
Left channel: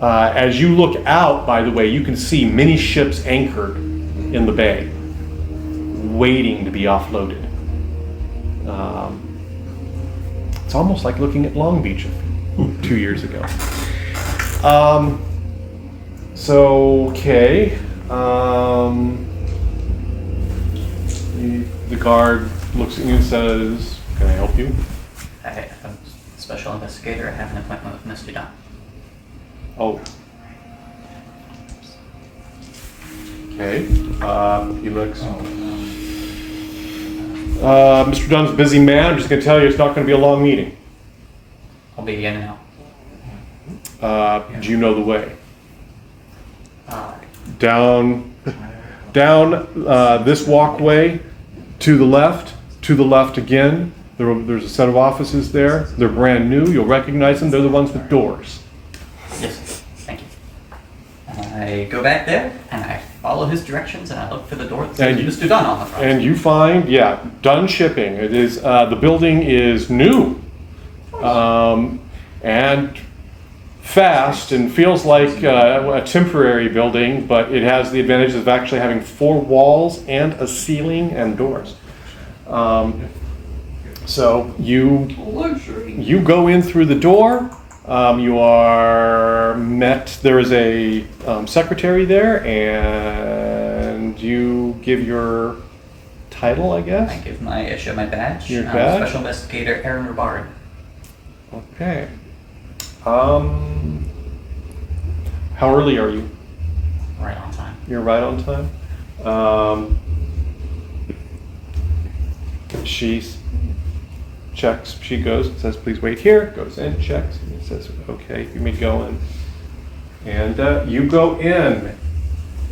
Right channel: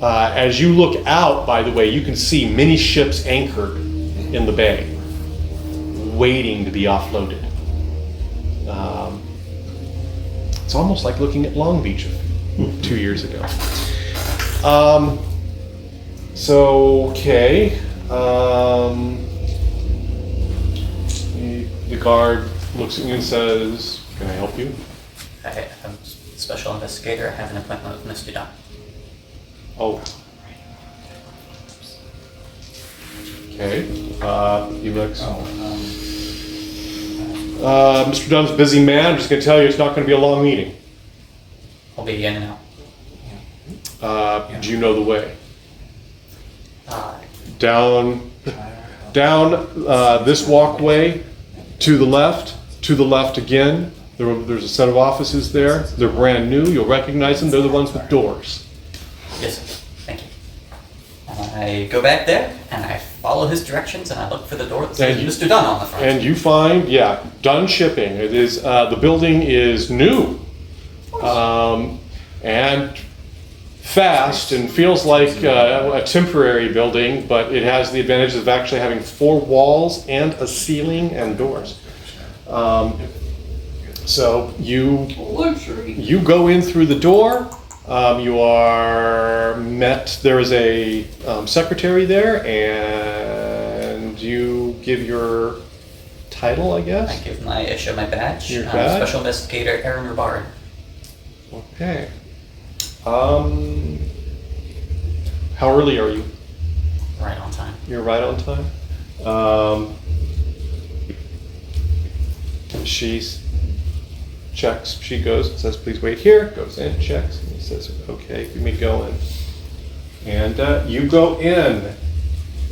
As you look out, by the way, you can see many ships anchored in the bay, waiting to be offloaded. It's almost like looking at Long Beach 2 years ago. The guard looks at you and says, "Can I help you?" I'm a special investigator. I have an appointment with Mr. Dunn. Oh. Okay. He looks. Mr. Dunn's a busy man. I'm just going to tell you it's not going to be a long meeting. I'll be in now. Do you know the way? Down this walkway, to the left again. There's a set of offices there. They're brand new. You'll recognize them. They're the ones with doors. Yes, sir. Thank you. And I go back there and I follow his directions and I look for the door that says Mr. Dunn on the front. And you find, Dunn Shipping. It is the building is new, and fast, and feels like a temporary building, but it has the advantage of actually having 4 walls and a ceiling and doors. So you go in through the door. You are met. There is a secretary there, and you give your title, I guess. I show my badge. Your badge? Special investigator Aaron Ribard. Okay. How early are you? Right on time. You're right on time. She checks, she goes, says, please wait here, goes in, checks, and he says, okay, you may go in. And you go in,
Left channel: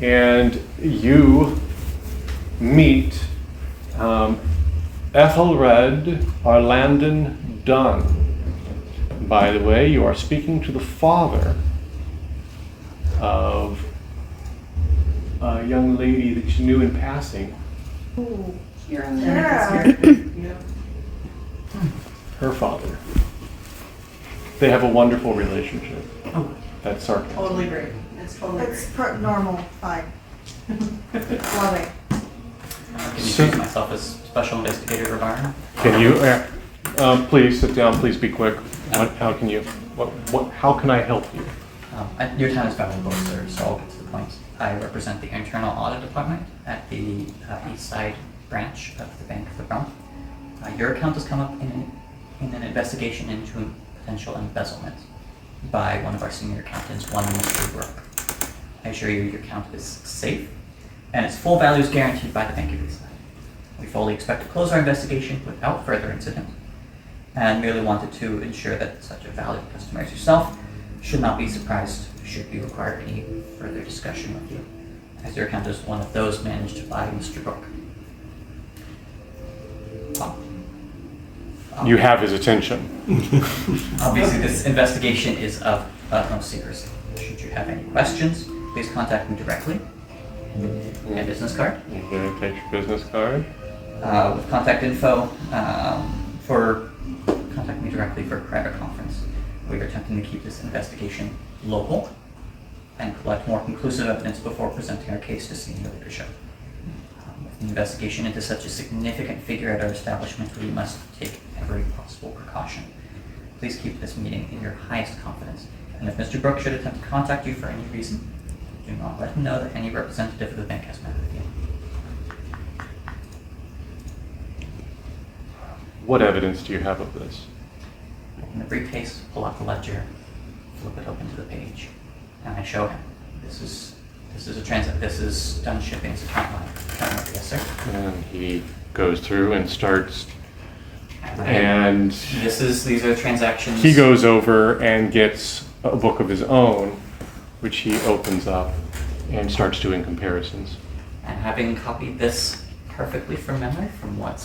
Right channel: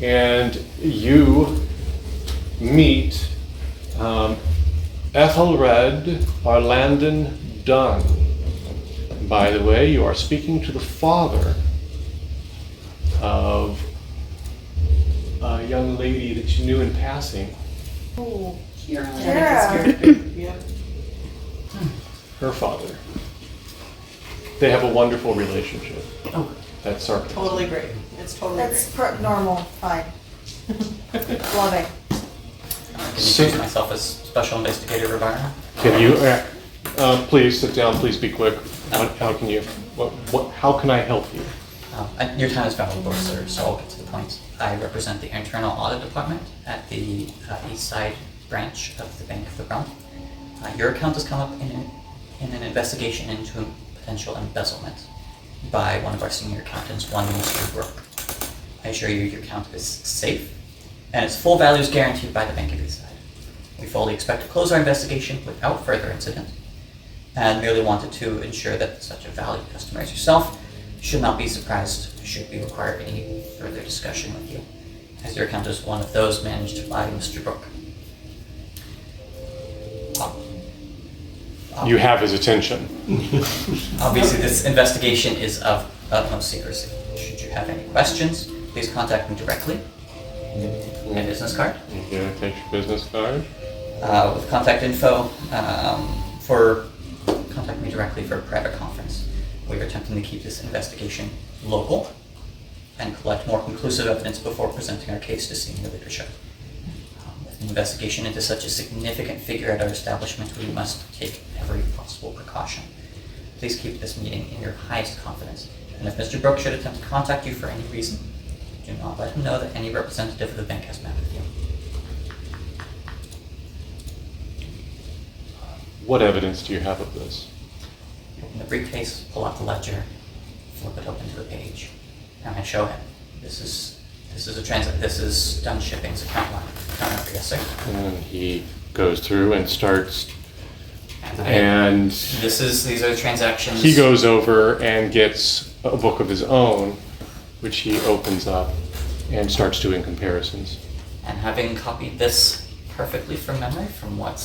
and you meet Ethelred Arlandon Dunn. By the way, you are speaking to the father of a young lady that you knew in passing. Oh, Yeah. Her father. They have a wonderful relationship. Oh, That's sarcasm. totally great. It's totally That's great. normal, fine. Love it. Can you So- introduce myself as Special Investigator Rivara? Can you, please sit down, please be quick. How can you, how can I help you? Your time is valuable, sir, so I'll get to the point. I represent the Internal Audit Department at the Eastside branch of the Bank of the Bronx. Your account has come up in an investigation into potential embezzlement by one of our senior accountants, one Mr. Brook. I assure you your account is safe, and its full value is guaranteed by the Bank of Eastside. We fully expect to close our investigation without further incident, and merely wanted to ensure that such a valued customer as yourself should not be surprised should we require any further discussion with you, as your account is one of those managed by Mr. Brook. You have his attention. Obviously, this investigation is of utmost secrecy. Should you have any questions, please contact me directly. My business card. You gonna take your business card? With contact info contact me directly for a private conference. We are attempting to keep this investigation local and collect more conclusive evidence before presenting our case to senior leadership. With an investigation into such a significant figure at our establishment, we must take every possible precaution. Please keep this meeting in your highest confidence, and if Mr. Brook should attempt to contact you for any reason, do not let him know that any representative of the bank has met with you. What evidence do you have of this? In the briefcase, pull out the ledger, flip it open to the page, and I show him. This is Dunn Shipping's account line. Yes, sir. And he goes through and starts, and These are the transactions. he goes over and gets a book of his own, which he opens up and starts doing comparisons. And having copied this perfectly from memory from what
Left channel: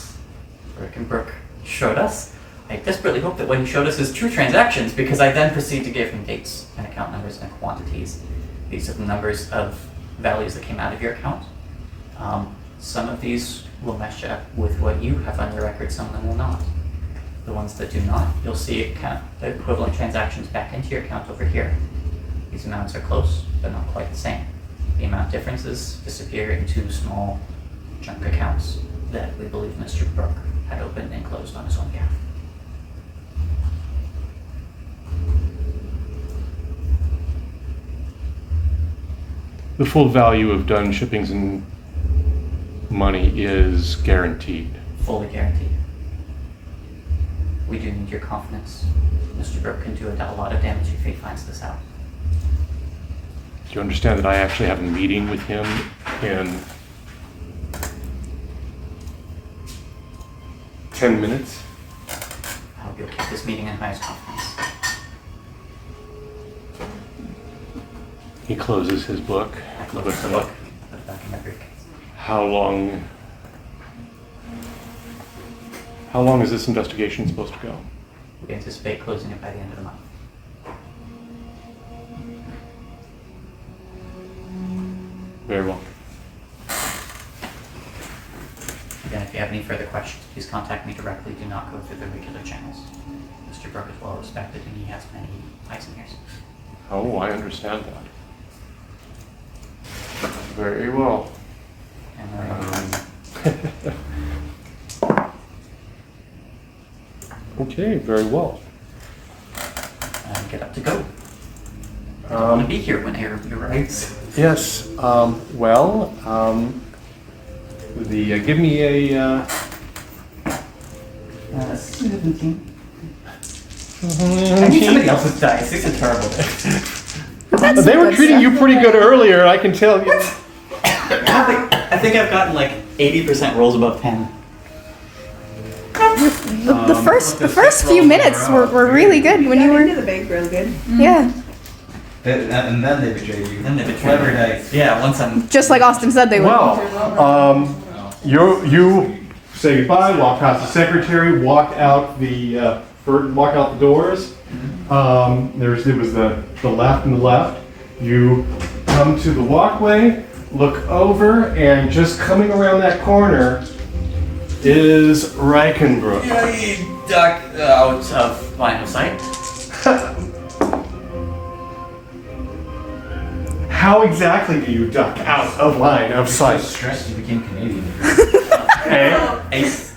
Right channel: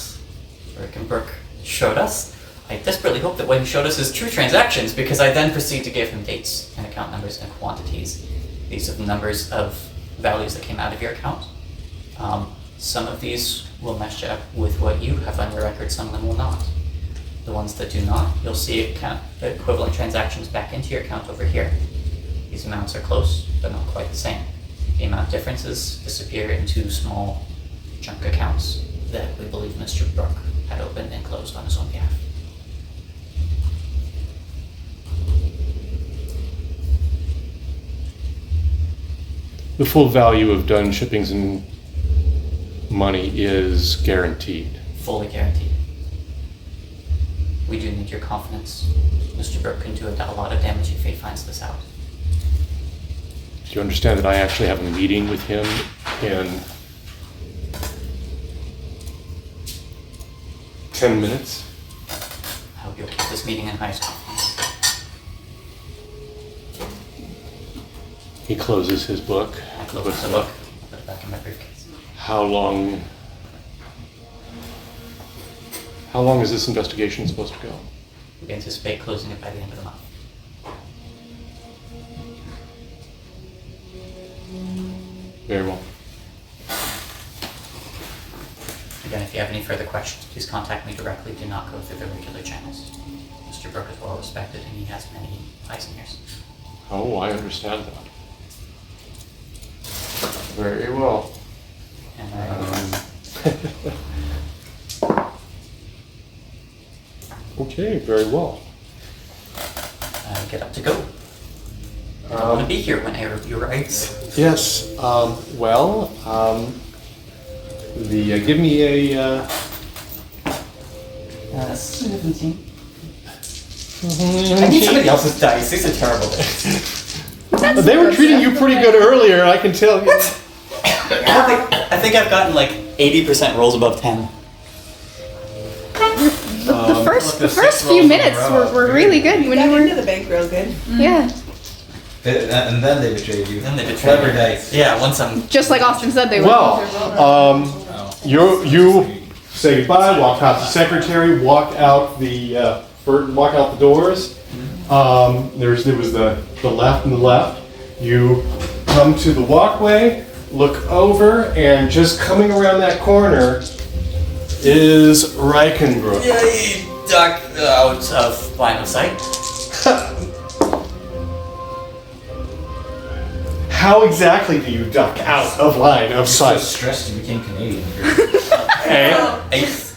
Ryken Brook showed us, I desperately hope that when he showed us his true transactions, because I then proceed to give him dates and account numbers and quantities. These are the numbers of values that came out of your account. Some of these will mesh up with what you have on your record, some of them will not. The ones that do not, you'll see equivalent transactions back into your account over here. These amounts are close, but not quite the same. The amount differences disappear into small junk accounts that we believe Mr. Brook had opened and closed on his own behalf. The full value of Dunn Shipping's money is guaranteed. Fully guaranteed. We do need your confidence. Mr. Brook can do a lot of damage if he finds this out. Do you understand that I actually have a meeting with him in 10 minutes? I hope you'll keep this meeting in highest confidence. He closes his book. I close puts the it book, up. put it back in my briefcase. How long is this investigation supposed to go? We anticipate closing it by the end of the month. Very well. Again, if you have any further questions, please contact me directly. Do not go through the regular channels. Mr. Brook is well respected and he has many eyes and ears. Oh, I understand that. Very well. And Okay, very well. get up to go. I don't want to be here when you arrives. Yes, give me a, 17. I need somebody else's dice. These are terrible dice. They were treating you pretty good earlier, I can tell you. I think I've gotten like 80% rolls above 10. The first few minutes were really good when you Got were. into the bank real good. Yeah. And then they betrayed you. Then they betrayed Clever me. dice. Yeah, once I'm. Just like Austin said they were. Well, you say goodbye, walk past the secretary, walk out the doors. There was the left and the left. You come to the walkway, look over, and just coming around that corner is Ryken Brook. Yay, duck out of line of sight. How exactly do you duck out of line of So sight? stressed you became Canadian. Eh?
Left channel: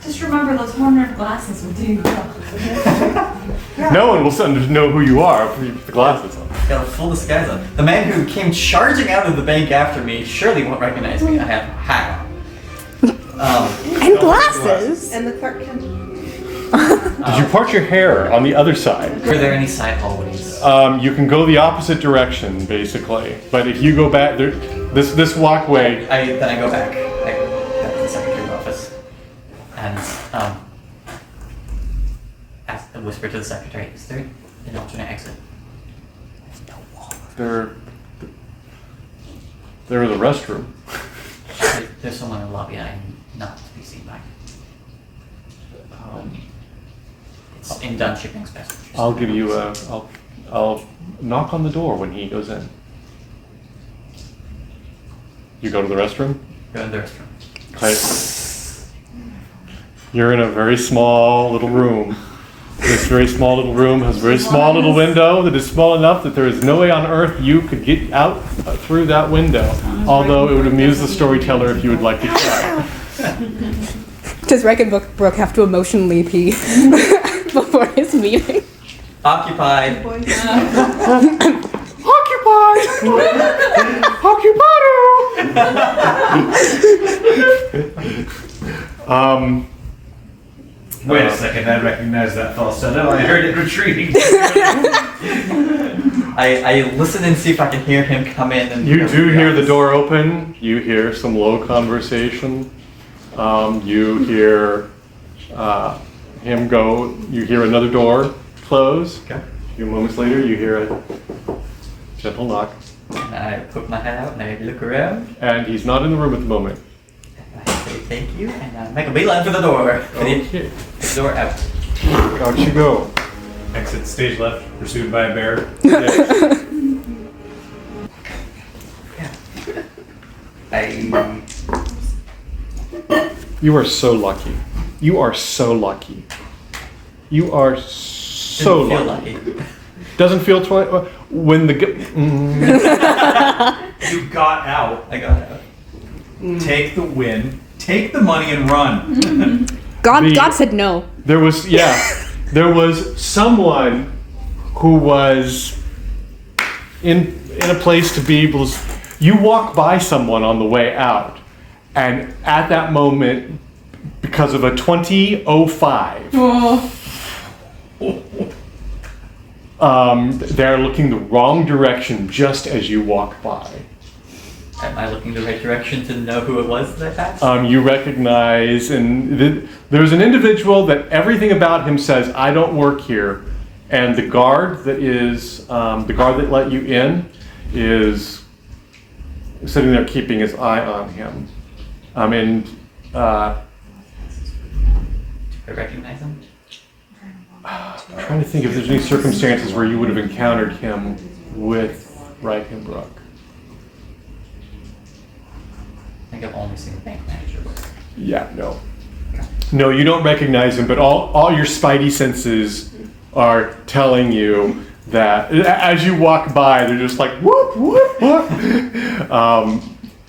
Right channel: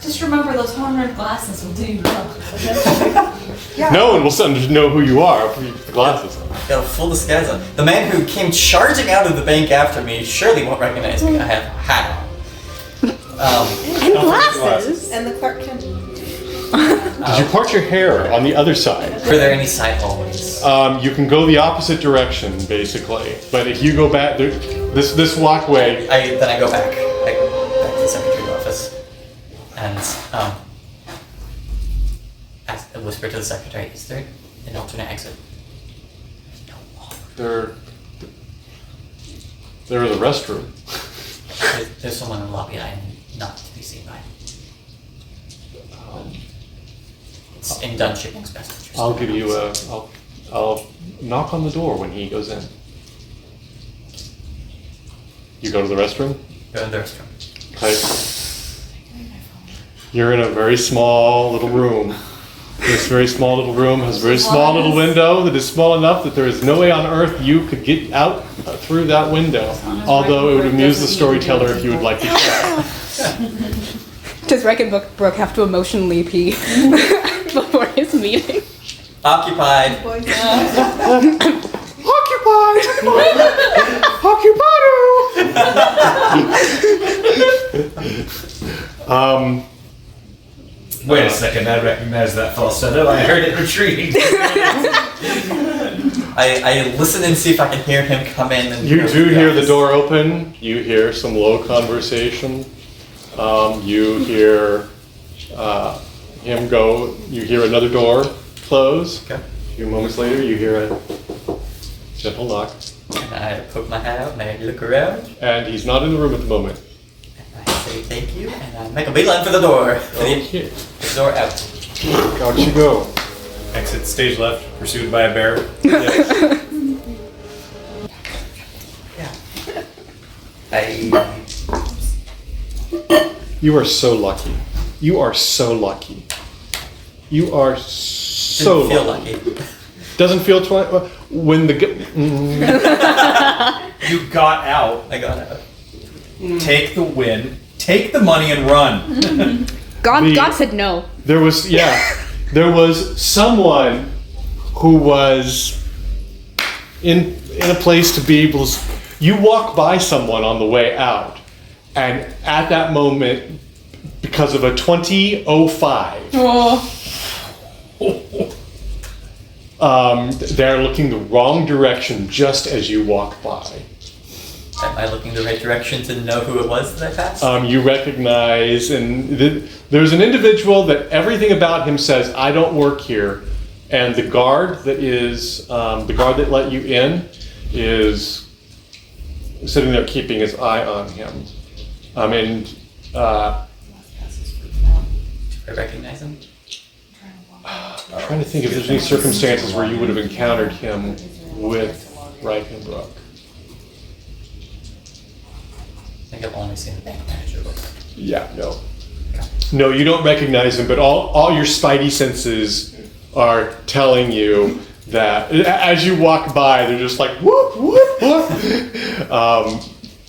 Just remember those horn-rimmed glasses will do you well. No one will suddenly know who you are if you put the glasses on. Got a full disguise on. The man who came charging out of the bank after me surely won't recognize me. I have a hat on. And glasses. And the Clark Kent. Did you part your hair on the other side? Are there any side hallways? You can go the opposite direction, basically. But if you go back, this walkway. Then I go back. I go back to the secretary's office. And whisper to the secretary, is there an alternate exit? There is a restroom. There's someone in the lobby I am not to be seen by. It's in Dunn Shipping's best interest. I'll give you I'll knock on the door when he goes in. You go to the restroom? Go in the restroom. Okay. You're in a very small little room. This very small little room has a very small little window that is small enough that there is no way on earth you could get out through that window. Although it would amuse the storyteller if you would like to try. Does Ryken Brook have to emotionally pee before his meeting? Occupied. Occupied! Occupado! Wait a second, I recognize that falsetto. I heard it retreating. I listen and see if I can hear him come in. And You do hear the door open. You hear some low conversation. You hear him go. You hear another door close. Okay. A few moments later, you hear a gentle knock. I put my hat out and I look around. And he's not in the room at the moment. I say thank you and I make a beeline for the door. Okay. The door out. Out you go. Exit stage left, pursued by a bear. Yes. You are so lucky. You are so lucky. You are so Didn't feel lucky. lucky. Doesn't feel when the You got out. I got out. Take the win. Take the money and run. God said no. there was someone who was in a place to be able to. You walk by someone on the way out, and at that moment, because of a 2005. They're looking the wrong direction just as you walk by. Am I looking the right direction to know who it was that I passed? You recognize, and there's an individual that everything about him says, I don't work here. And the guard that let you in is sitting there keeping his eye on him. I recognize him. I'm trying to think if there's any circumstances where you would have encountered him with Ryken Brook. I think I've only seen the bank manager once. Yeah, no. No, you don't recognize him, but all your spidey senses are telling you that as you walk by, they're just like, whoop, whoop, whoop.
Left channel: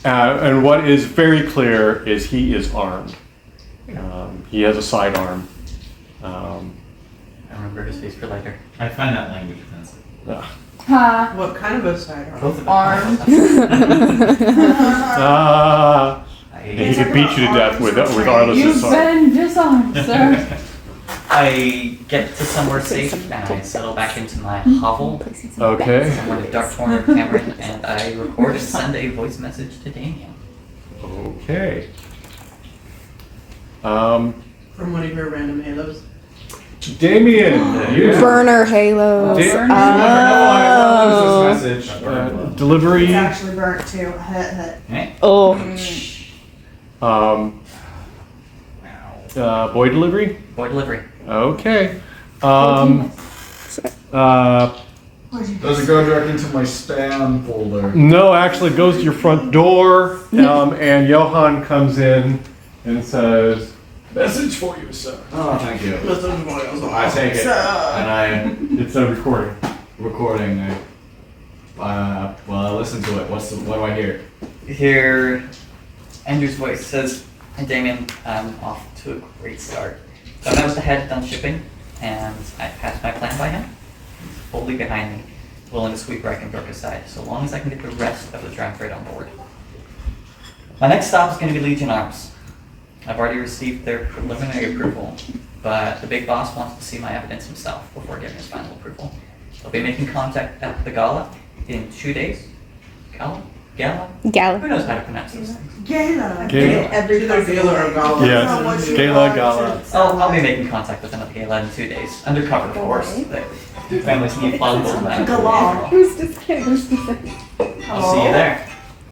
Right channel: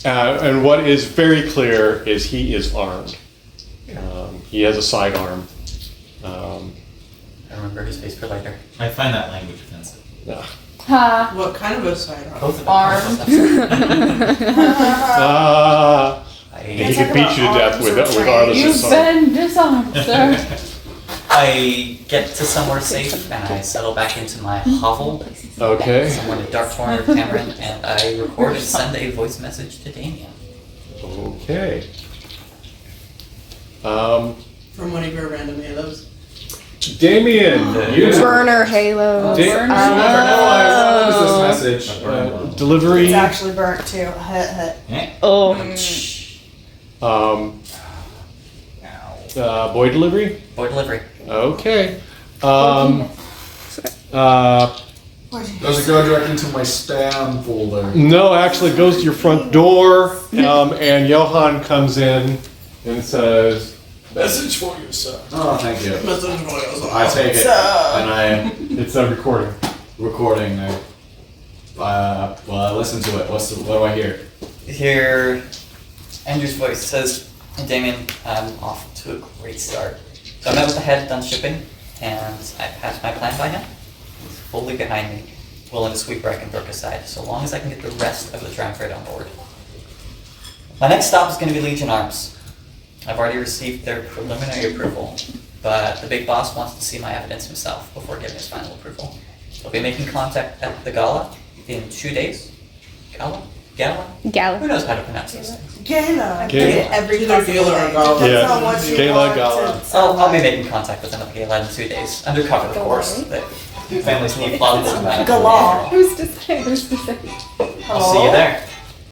And what is very clear is he is armed. He has a sidearm. I remember his face for later. I find that language offensive. Ha. What kind of a sidearm? Both of them. Armed. He could beat you to death with regardless of You've size. been disarmed, sir. I get to somewhere safe and I settle back into my hovel Okay. somewhere in the dark corner of Tamarin, and I record and send a voice message to Damien. Okay. From one of your random halos. Damien, you Burner halos. Oh. This message. delivery. It's actually burnt too. Oh. Boy delivery. Boy delivery. Okay. Does it go directly into my spam folder? No, actually, it goes to your front door, and Johan comes in and says, Message for you, sir. Oh, thank you. Message voice. I take it, and I "It's a recording." recording. Well, I listen to it. What do I hear? Hear Andrew's voice says, "Hey Damien, I'm off to a great start. So I met with the head of Dunn Shipping, and I passed my plan by him. He's fully behind me, willing to sweep Ryken Brook aside, so long as I can get the rest of the drowned freight on board. My next stop is going to be Legion Arms. I've already received their preliminary approval, but the big boss wants to see my evidence himself before giving his final approval. I'll be making contact at the gala in 2 days. Gala? Gala? Gala. Who knows how to pronounce those things? Gala. Gala. Every Either possible Gala or way. Gala. That's Yes. not what you Gala, want Gala. to I'll be making contact with them at the gala in 2 days. Undercover, of course. The families need plausible denial. Gala. Who's to say? I'll see you there.